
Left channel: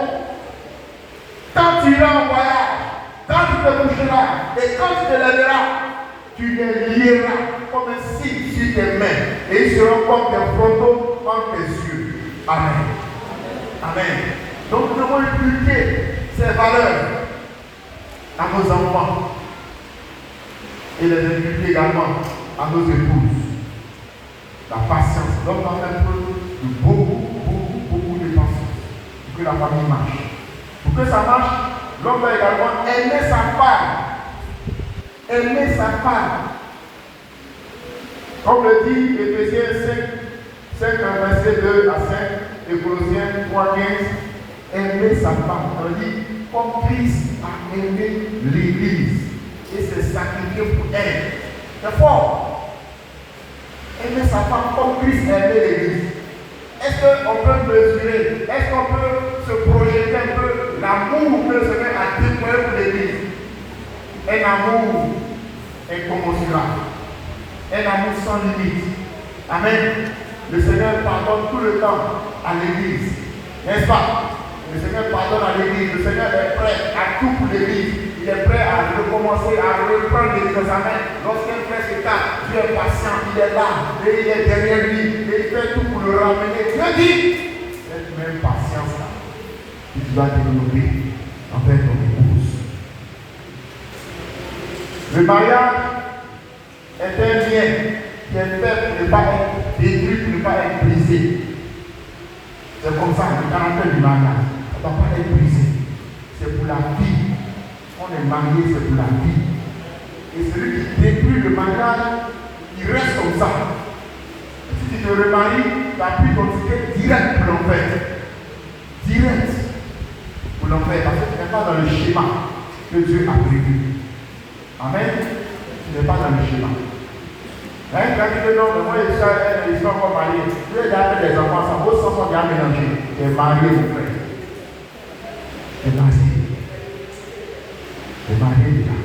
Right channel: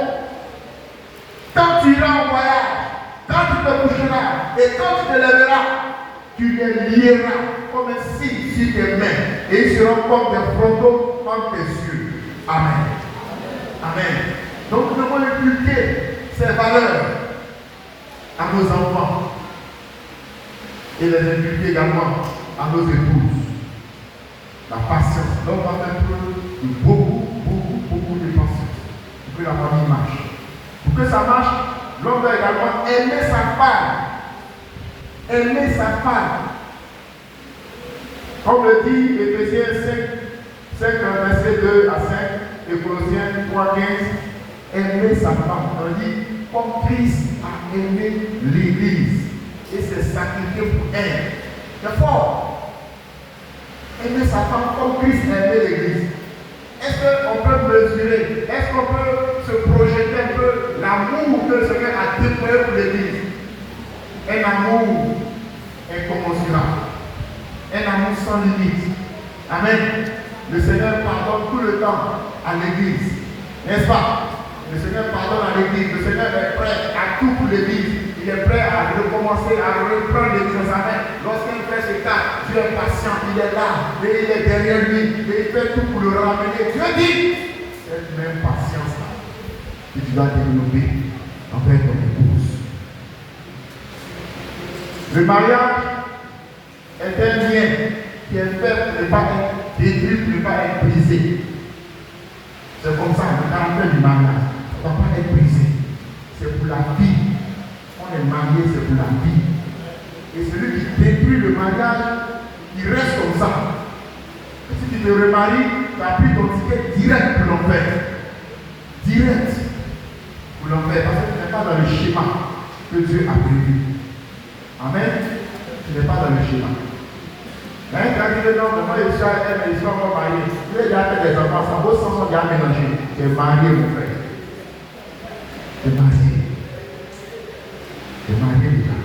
Quand tu iras en voyage, quand tu te coucheras et quand tu te lèveras, tu les lieras comme un signe sur tes mains et ils seront comme des photos entre tes yeux. Amen. Amen. Donc nous devons inculquer ces valeurs à nos enfants et les inculquer également à nos épouses. La patience. Donc on a un peu de beaucoup de patience pour que la famille marche. Pour que ça marche, l'homme doit également aimer sa femme. Aimer sa femme. Comme le dit Éphésiens 5, verset 2 à 5, et Colossiens 3, 15, aimer sa femme. On dit, comme Christ a aimé l'Église et s'est sacrifié pour elle. C'est fort. Aimer sa femme comme Christ a aimé l'Église. Est-ce qu'on peut mesurer, est-ce qu'on peut se projeter un peu l'amour que le Seigneur a déclaré pour l'Église? Un amour incommensurable. Un amour sans limite. Amen. Le Seigneur pardonne tout le temps à l'Église. N'est-ce pas? Le Seigneur pardonne à l'Église. Le Seigneur est prêt à tout pour l'Église. Il est prêt à recommencer, à reprendre l'Église dans sa main. Lorsqu'il fait ce cas, Dieu est patient, il est là, et il est derrière lui, et il fait tout pour le ramener. Dieu dit, cette même patience que tu dois développer envers ton épouse. Le mariage est un lien qui est fait pour ne pas être détruit, pour ne pas être brisé. C'est comme ça, le caractère du mariage ne doit pas être brisé. C'est pour la vie. On est marié, c'est pour la vie. Et celui qui détruit le mariage, il reste comme ça. Et si tu te remaries, tu as pris ton ticket direct pour l'enfer. Direct pour l'enfer. Parce que tu n'es pas dans le schéma que Dieu a prévu. Amen. Tu n'es pas dans le schéma. Mais quand il est dans le monde, il soit encore marié. Tu es déjà fait des enfants, ça vaut 100 déjà mélangé. Tu es marié, mon frère. Tu es marié. Tu es marié déjà.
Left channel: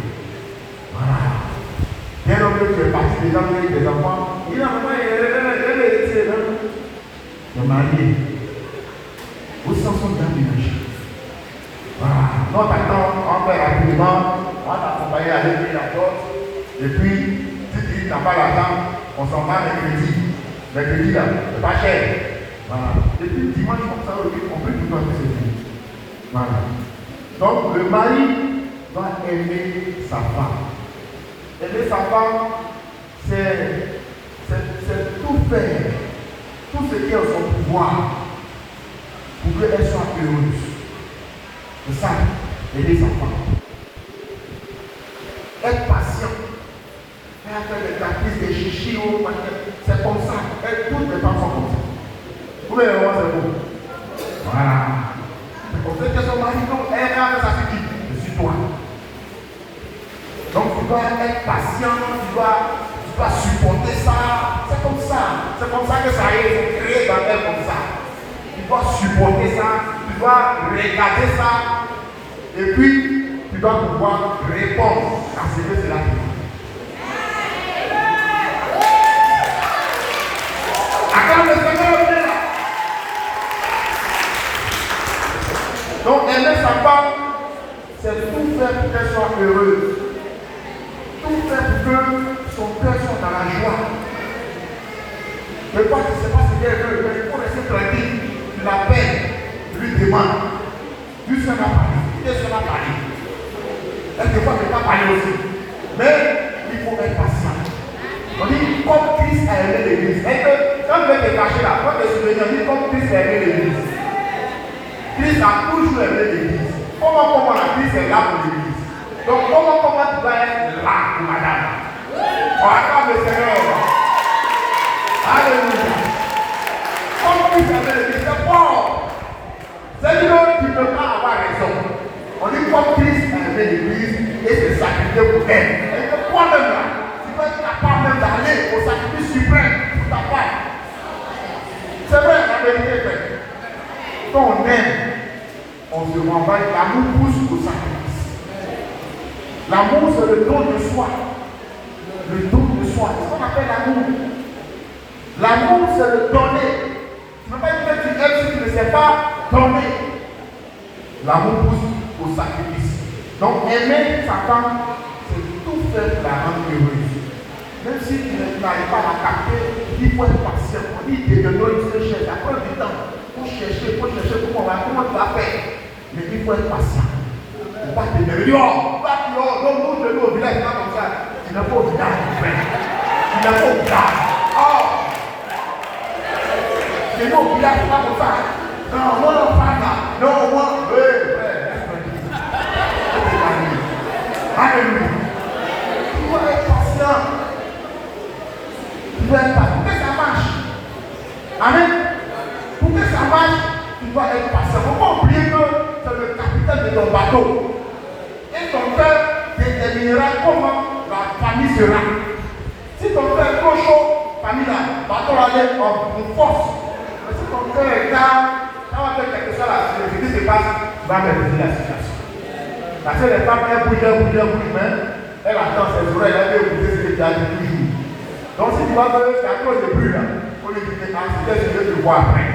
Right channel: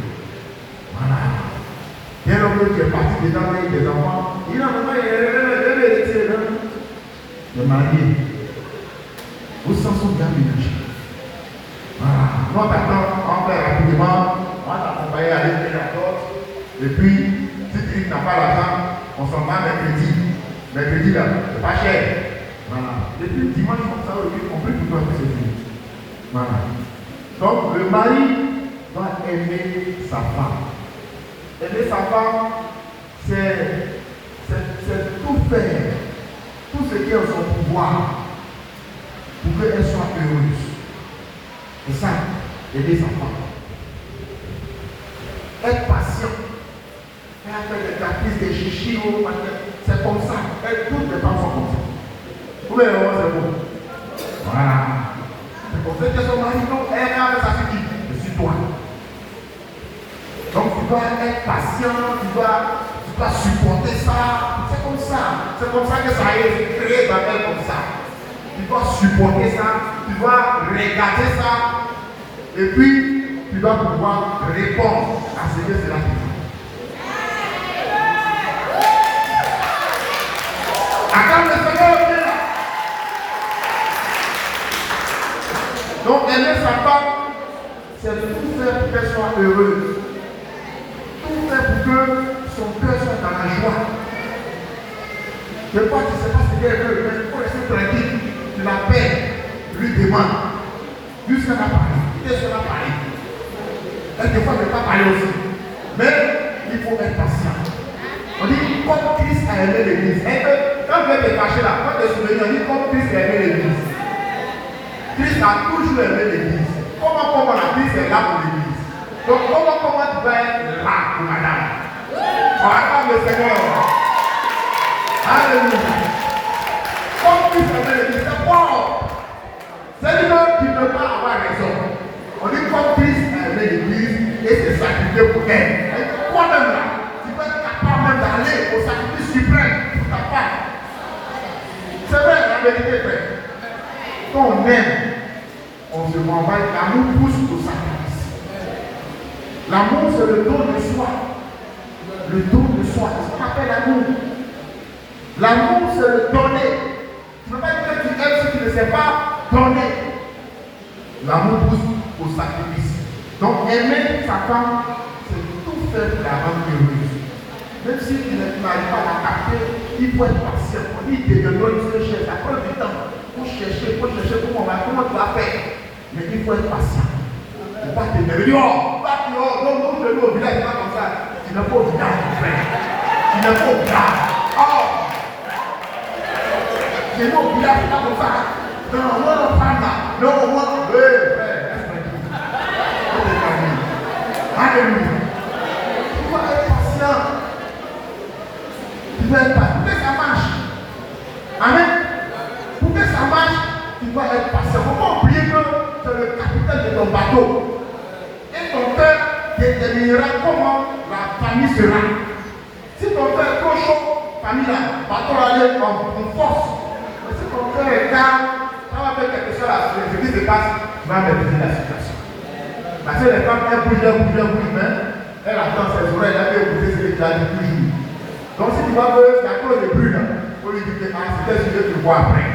Voilà. Bien que tu es parti déjà avec des enfants, il a vraiment hérité. Tu es marié. Vos 100 déjà mélangés. Voilà. Non, maintenant, on fait rapidement, on t'accompagne à l'été d'accord, et puis, si tu n'as pas l'argent, on s'en va mercredi. Mercredi, là, c'est pas cher. Voilà. Et puis, dimanche, comme ça, on peut plus voir ce film. Voilà. Donc, le mari doit aimer sa femme. Aimer sa femme, c'est tout faire, tout ce qui est en son pouvoir, pour qu'elle soit heureuse. C'est ça, aimer sa femme. Être patient. Elle a fait des caprices, des chichis, c'est comme ça. Toutes les femmes sont comme ça. Vous voulez le voir, c'est bon. Voilà. C'est pour ça que son mari, elle a sa fille. Je suis toi. Donc tu dois être patient, tu dois supporter ça. C'est comme ça. C'est comme ça que ça est créé dans elle comme ça. Tu dois supporter ça, tu dois regarder ça. Et puis, tu dois pouvoir répondre à ce que cela te dit. Attends le Seigneur est là. Donc, aimer sa femme, c'est tout faire pour qu'elle soit heureuse. Tout faire pour que son cœur soit dans la joie. Des fois, tu ne sais pas ce qu'elle veut, mais il faut rester tranquille. Tu l'appelles, tu lui demandes. Jusqu'à la parole. Et sur la parole. Et des fois, je ne peux pas parler aussi. Mais il faut être patient. On dit comme Christ a aimé l'église. Et que quand vous êtes fâché là, quand vous êtes souvenu, on dit comme Christ a aimé l'église. Christ a toujours aimé l'église. Comment la Christ est là pour l'église. Donc comment tu dois être là pour madame. On accorde le Seigneur. Alléluia. Comme Christ a aimé l'église, c'est fort. C'est lui-même qui ne peut pas avoir raison. On dit comme Christ a aimé l'église et s'est sacrifié pour elle. Et toi-même là, tu peux être capable même d'aller au sacrifice suprême pour ta part. C'est vrai, la vérité est vraie. Quand on aime, on se renvoie, l'amour pousse au sacrifice. L'amour, c'est le don de soi. Le don de soi, c'est ce qu'on appelle l'amour. L'amour, c'est le donner. Tu ne peux pas dire que tu aimes si tu ne sais pas donner. L'amour pousse au sacrifice. Donc, aimer sa femme, c'est tout faire pour la rendre heureuse. Même si tu n'arrives pas à capter, il faut être patient. Il te demande ce que cherche. Après du temps, il faut chercher comment tu vas faire. Mais il faut être patient. Il ne faut pas te dire, oh, non, je vais au village, pas comme ça. Tu n'es pas au village, mon frère. Tu n'es pas au village. Oh! Tu n'es pas au village, pas comme ça. Non, au moins, oui, alléluia. Tu dois être patient. Tu dois être patient. Pour que ça marche. Amen. Pour que ça marche, tu dois être patient. Il ne faut pas oublier que c'est le capitaine de ton bateau. Et ton cœur déterminera comment la famille sera. Si ton cœur est trop chaud, famille là, bateau aller en force. Et si ton cœur est calme, quand on va faire quelque chose là, ce qui se passe, tu vas maîtriser la situation. Parce que les femmes, elles bougent, mais elles attendent ses oreilles, elles veulent écouter ce que tu as dit toujours. Donc si tu vois que c'est à cause de bruit là, il faut lui dire que c'est ce que tu vois après.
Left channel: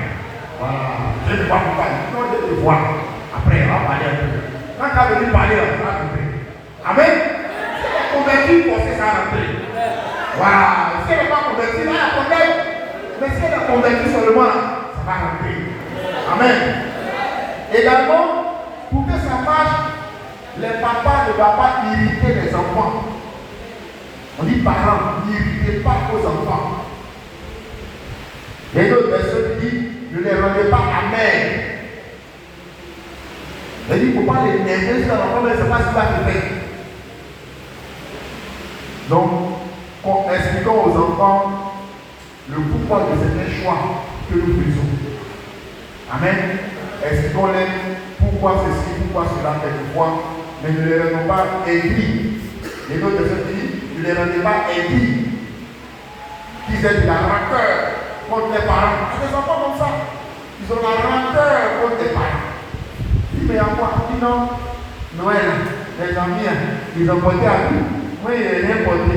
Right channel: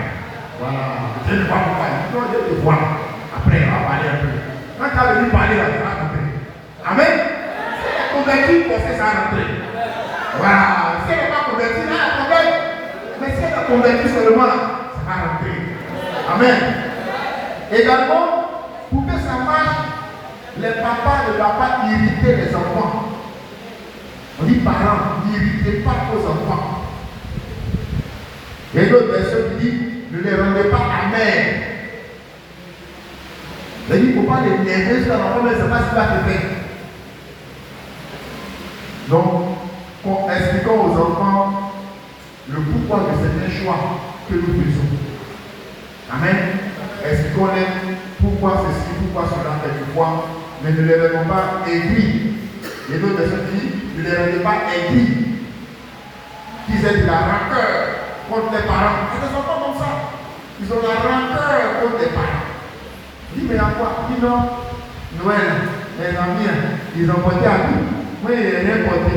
Voilà, je ne vois pas, non, je te vois. Après, on va parler un peu. Quand tu as venu parler, là, tu vas rentrer. Amen. Si elle est convaincue, il faut que ça rentre. Voilà, si elle n'est pas convaincue, là, elle problème. Mais si elle est convaincue seulement, ça va rentrer. Amen. Également, pour que ça marche, les papas ne doivent pas irriter les enfants. On dit parents, n'irritez pas vos enfants. Il y a d'autres personnes qui disent, ne les rendez pas amers. Il dit, il ne faut pas les énerver sur l'enfant, mais ce n'est pas ce qu'il va te faire. Donc, expliquons aux enfants le pourquoi de certains choix que nous faisons. Amen. Expliquons-les pourquoi ceci, pourquoi cela, quelquefois. Mais ne les rendons pas aigris. Les autres personnes disent, ne les rendez pas aigris. qu'ils aient de la rancœur contre les parents. Il y a des enfants comme ça. Ils ont de la rancœur contre les parents. Il dit, mais à quoi? Il dit non. Noël, les amis, ils ont porté à tout. Moi, il n'a rien porté.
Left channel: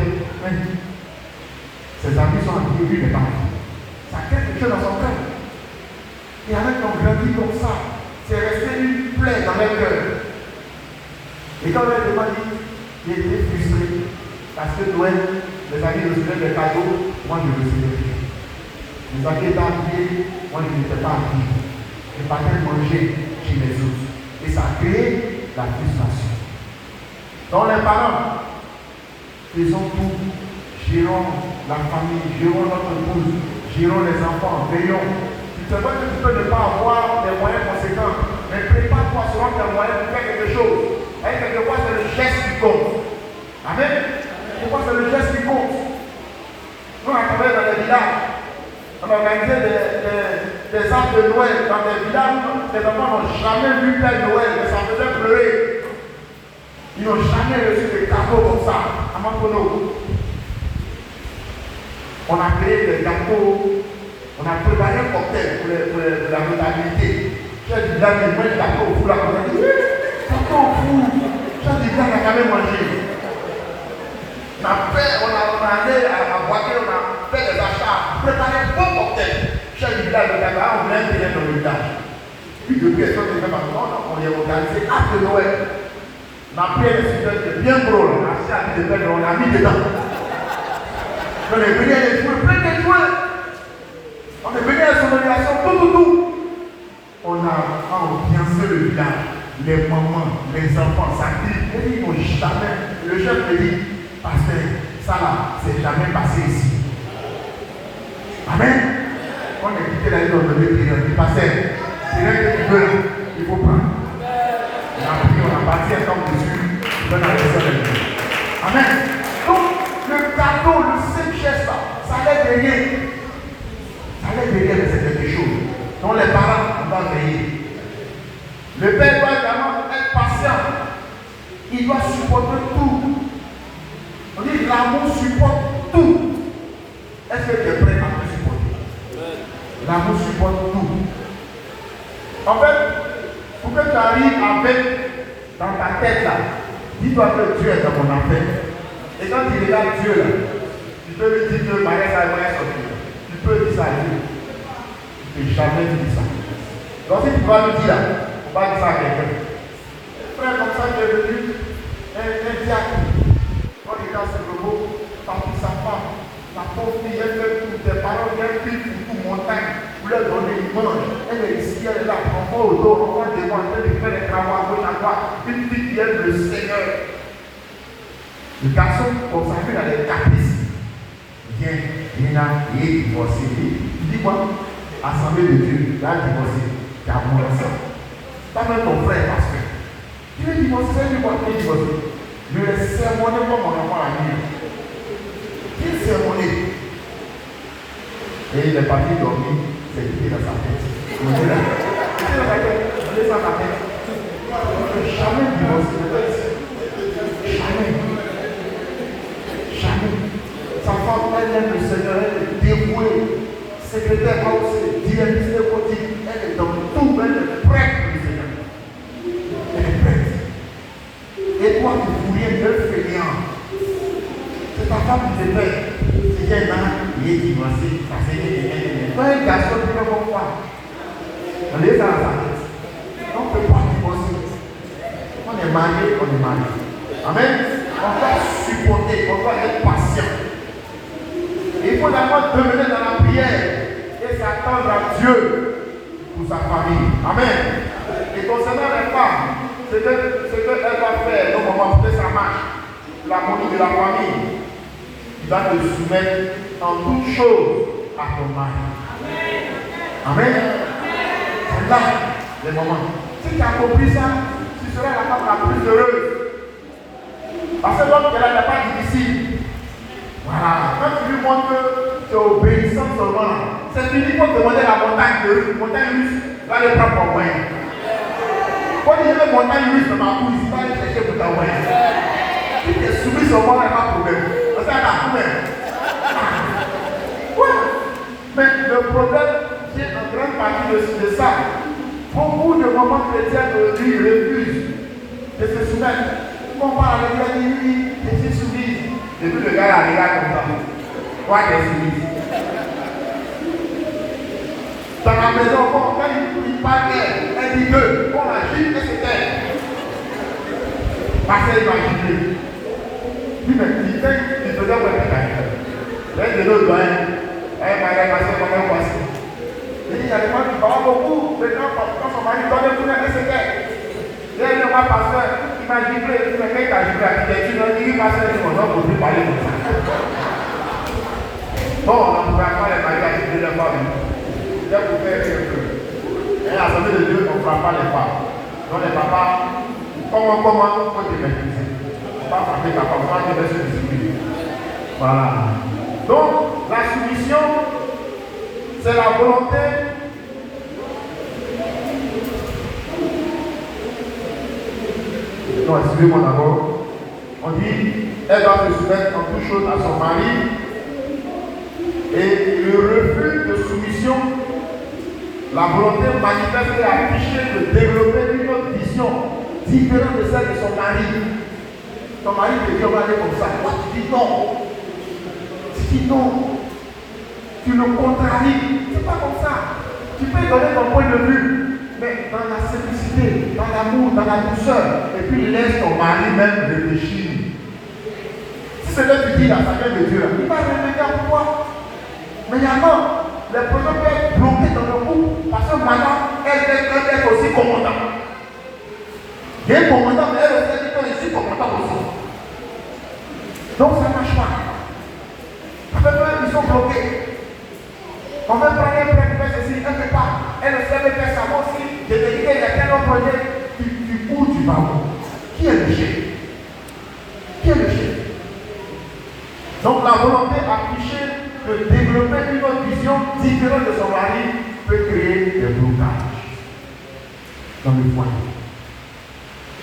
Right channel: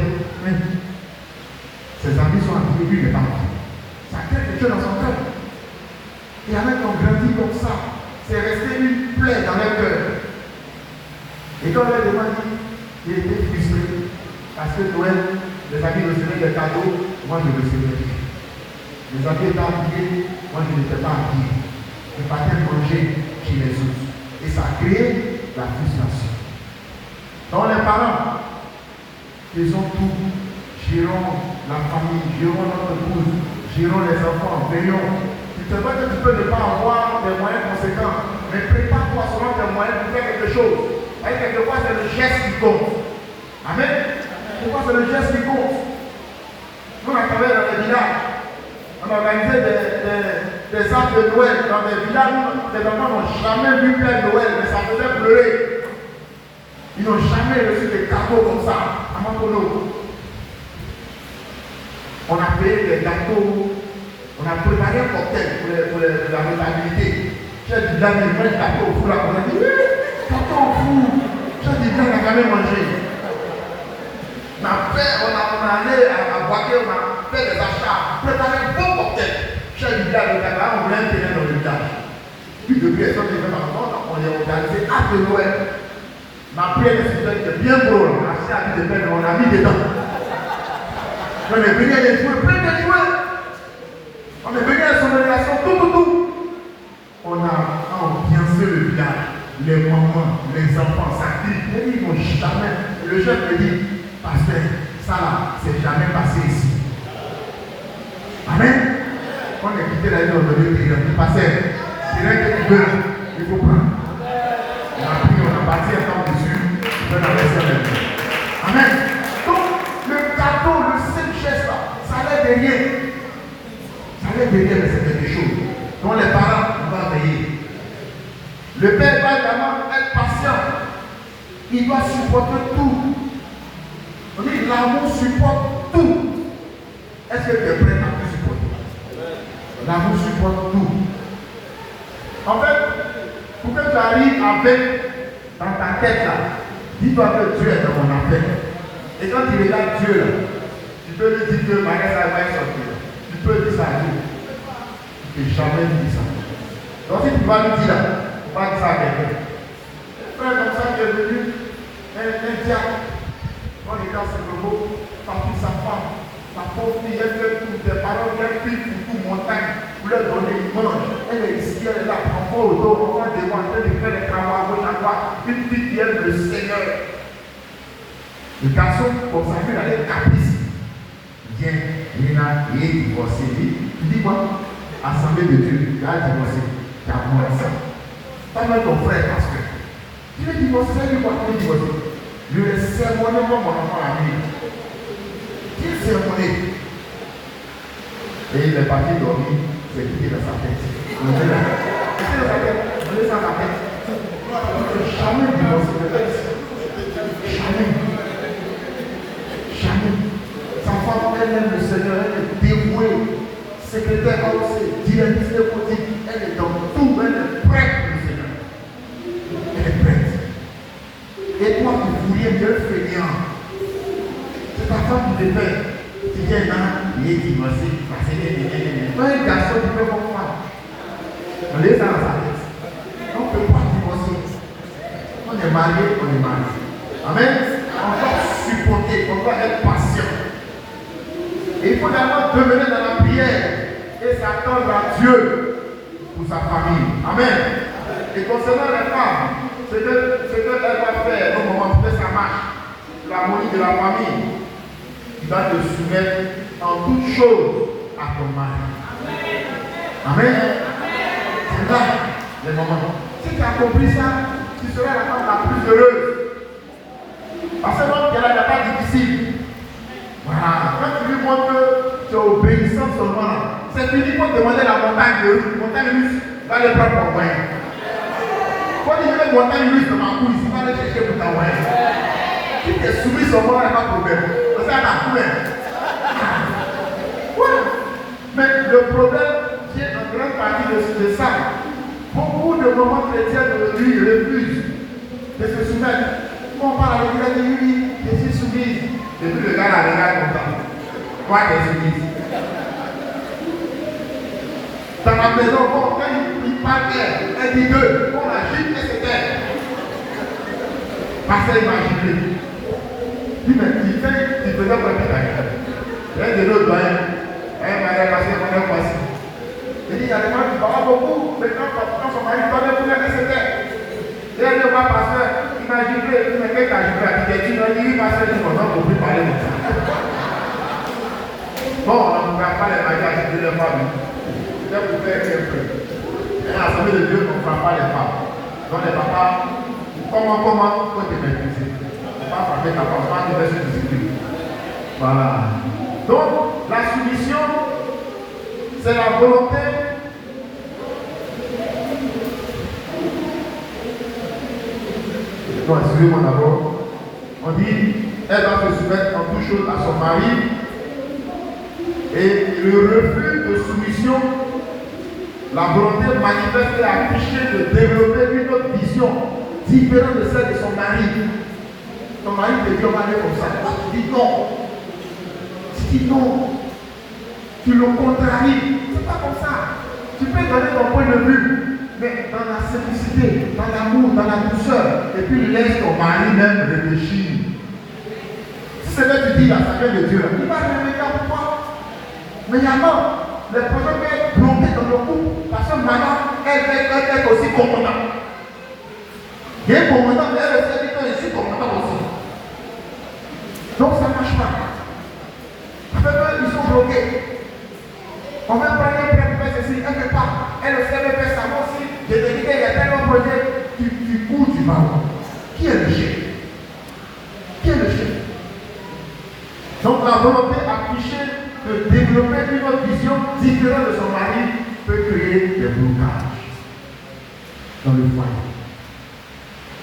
Ses amis sont en lui, mais pas là. Ça crée quelque chose dans son cœur. Et avec qu'on grandit comme ça, c'est resté une plaie dans leur cœur. Et quand on leur demande, il était frustré. Parce que Noël, les amis recevaient des cadeaux, moi je recevais rien. Les amis étaient habillés, moi je n'étais pas habillé. Ils partaient manger chez les autres. Et ça a créé la frustration. Donc les parents, faisons tout, gérons la famille, gérons notre épouse, gérons les enfants, veillons. Tu te vois que tu peux ne pas avoir des moyens conséquents, mais prépare-toi selon tes moyens pour faire quelque chose. Et quelquefois, c'est le geste qui compte. Amen. Pourquoi c'est le geste qui compte? Nous, on a travaillé dans les villages. On a organisé des arbres de Noël dans des villages où les enfants n'ont jamais vu Père Noël, mais ça faisait pleurer. Ils n'ont jamais reçu des cadeaux comme ça. À Makono. On a payé des gâteaux. On a préparé un cocktail pour la notabilité. J'ai dit, là, mais moi, je l'ai au four. On a dit, oui, gâteau au four. J'ai dit, là, on a quand même mangé. On a allé à Boaké, on a fait des achats, préparé un bon cocktail. J'ai dit, là, le gâteau, on a un terrain dans le village. Puis, depuis, elles sont déjà maintenant, on est organisé à de Noël. On a pris les sujets bien gros, on a acheté à de peine, on a mis dedans. On est venu à des jouets, plein de jouets. On est venu à la sonorisation, tout. On a ambiancé le village, les mamans, les enfants, ça crie. Et ils n'ont jamais. Le chef me dit, pasteur, ça, c'est jamais passé ici. Amen. On a quitté la vie de l'intérieur. Il passait, c'est rien que tu veux, il faut prendre. On a pris, on a bâti un temps dessus, on va dans le Amen. Donc, le cadeau, le simple geste là, ça allait derrière. Ça allait derrière, mais c'est quelque chose. Donc, les parents, on va veiller. Le père doit également être patient. Il doit supporter tout. On dit l'amour supporte tout. Est-ce que tu es prêt à tout supporter? L'amour supporte tout. En fait, pour que tu arrives avec dans ta tête là, dis-toi que Dieu est dans ton affaire. Et quand tu regardes Dieu là, tu peux lui dire que Marie ça va sortir. Tu peux dire ça à Dieu. Tu ne peux jamais dire ça. Donc si tu vas lui dire là, on va dire ça à quelqu'un. Frère comme ça qui est venu, un diable. On regarde ce robot, tant pis sa femme. La pauvre fille, elle fait tout, tes parents viennent pile pour tout montagne. Vous leur donnez une mange. Elle est ici, elle est là, prend pas au dos, on va demander de faire les travaux là-bas. Une petite qui aime le Seigneur. Le garçon consacré dans les caprices. Viens, il est là, il est divorcé. Il dit quoi? Assemblée de Dieu, là, divorcé. Tu as moins ça. Tu as même ton frère, parce que tu es divorcé, lui, quand tu es divorcé. Je l'ai sermonné comme mon enfant à lui. Il sermonné. Et il est parti dormir, c'est quitté dans sa tête. Il est là. Il est dans sa tête. Il est dans sa tête. Jamais divorcé. Jamais. Jamais. Sa femme, elle aime le Seigneur, elle est dévouée. Secrétaire aussi, directrice politique, elle est dans tout, elle est prête pour le Seigneur. Elle est prête. Et toi, tu voulais mieux fainéant. C'est ta femme qui te fait. C'est qu'elle a, il est divorcé. Parce qu'il est un garçon qui peut voir. On les a dans sa tête. On ne peut pas divorcer. On est marié, on est marié. Amen. On doit supporter, on doit être patient. Et il faut d'abord demeurer dans la prière et s'attendre à Dieu pour sa famille. Amen. Et concernant les femmes, ce qu'elle va faire au moment où ça marche, l'amour de la famille, il va te soumettre en toutes choses à ton mari. Amen. C'est là le moment. Si tu as compris ça, tu seras la femme la plus heureuse. Parce que l'autre qui est là n'est pas difficile. Voilà. Quand tu lui montres que tu es obéissant seulement, c'est fini pour demander la montagne de russe. Montagne russe, va le prendre pour moyen. Quand tu dis que montagne russe de ma couille, tu vas aller chercher pour ta moyen. Si tu es soumis seulement, il n'y a pas de problème. C'est un problème. moment chrétien de lui refuse de se soumettre. Quand on parle avec lui, je suis soumise. Et puis le gars la regarde comme ça. Quoi qu'elle est soumise? Dans la maison, quand il parle elle dit que on a juste que c'est elle. Parce qu'elle m'a giflé. Il me dit, il faisait comme ça. Elle de l'autre, elle m'a repassé comme elle passait. Il dit, il y a des gens qui parlent beaucoup. Les gens, quand son mari parlait, tout le monde c'était. Et elle ne va pas faire. Il m'a giflé, il m'a giflé à l'architecture. Il dit, il va se dire, on ne peut plus parler de ça. Bon, en tout cas, quand les maris ont giflé les femmes, j'ai couvert quelque. Et à l'Assemblée de Dieu, on ne fera pas les femmes. Donc les papas, comment, faut te maîtriser. On va frapper papa, on va te mettre sur discipline. Voilà. Donc, la soumission, c'est la volonté non, excusez-moi d'abord. On dit, elle va se soumettre en toute chose à son mari. Et le refus de soumission, la volonté manifeste et affichée de développer une autre vision différente de celle de son mari. Ton mari te dit, on va aller comme ça. Tu dis non. Tu dis non. Tu le contraries. C'est pas comme ça. Tu peux donner ton point de vue. Mais dans la simplicité, dans l'amour, dans la douceur, et puis laisse ton mari même réfléchir. Si c'est que tu dis la sagesse de Dieu, il va revenir pour toi. Mais il y a non, les projets peuvent être bloqués dans le couple parce que maintenant, elle est aussi commandante. Il est commandant, mais elle aussi dit que je suis commandant aussi. Donc ça ne marche pas. Ils sont bloqués. On va prendre un faire ceci quelque part. Elle ne sait pas faire ça. Moi aussi, j'ai dit qu'il y a tel autre projet. Tu cours du ballon. Qui est le chef? Qui est le chef? Donc la volonté affichée de développer une autre vision différente de son mari peut créer des blocages dans le foyer.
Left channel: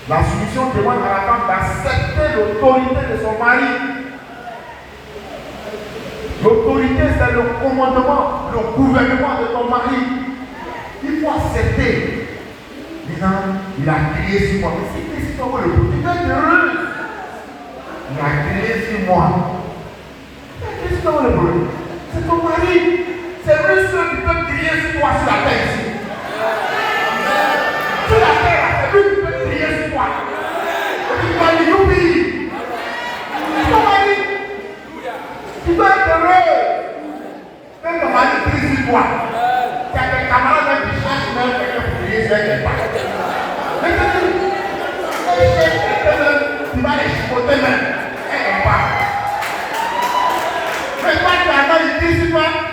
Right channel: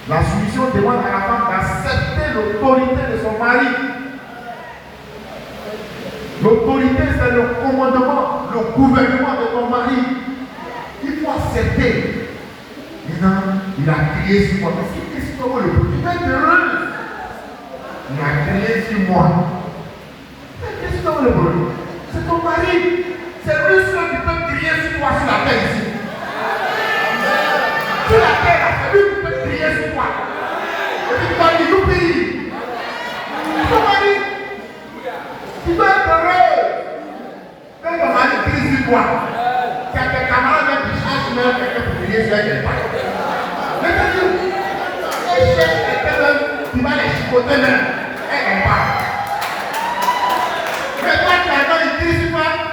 La soumission demande à la femme d'accepter l'autorité de son mari. L'autorité, c'est le commandement, le gouvernement de ton mari. Il faut accepter. Maintenant, il a crié sur moi. Mais c'est quoi le problème? Tu es heureuse. Il a crié sur moi. Qu'est-ce que le problème? C'est ton mari. C'est lui seul qui peut crier sur toi sur la terre ici. Sur la terre, c'est lui qui peut crier sur toi. Tu vas lui dire. C'est ton mari. Tu dois être heureux. Quand ton mari crie sur toi, tu as des camarades qui cherchent même quelqu'un pour crier sur elle. Mais quand tu cherches quelqu'un, tu vas les chipoter même. Elle n'est pas.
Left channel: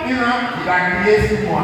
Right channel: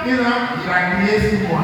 Il a crié sur moi.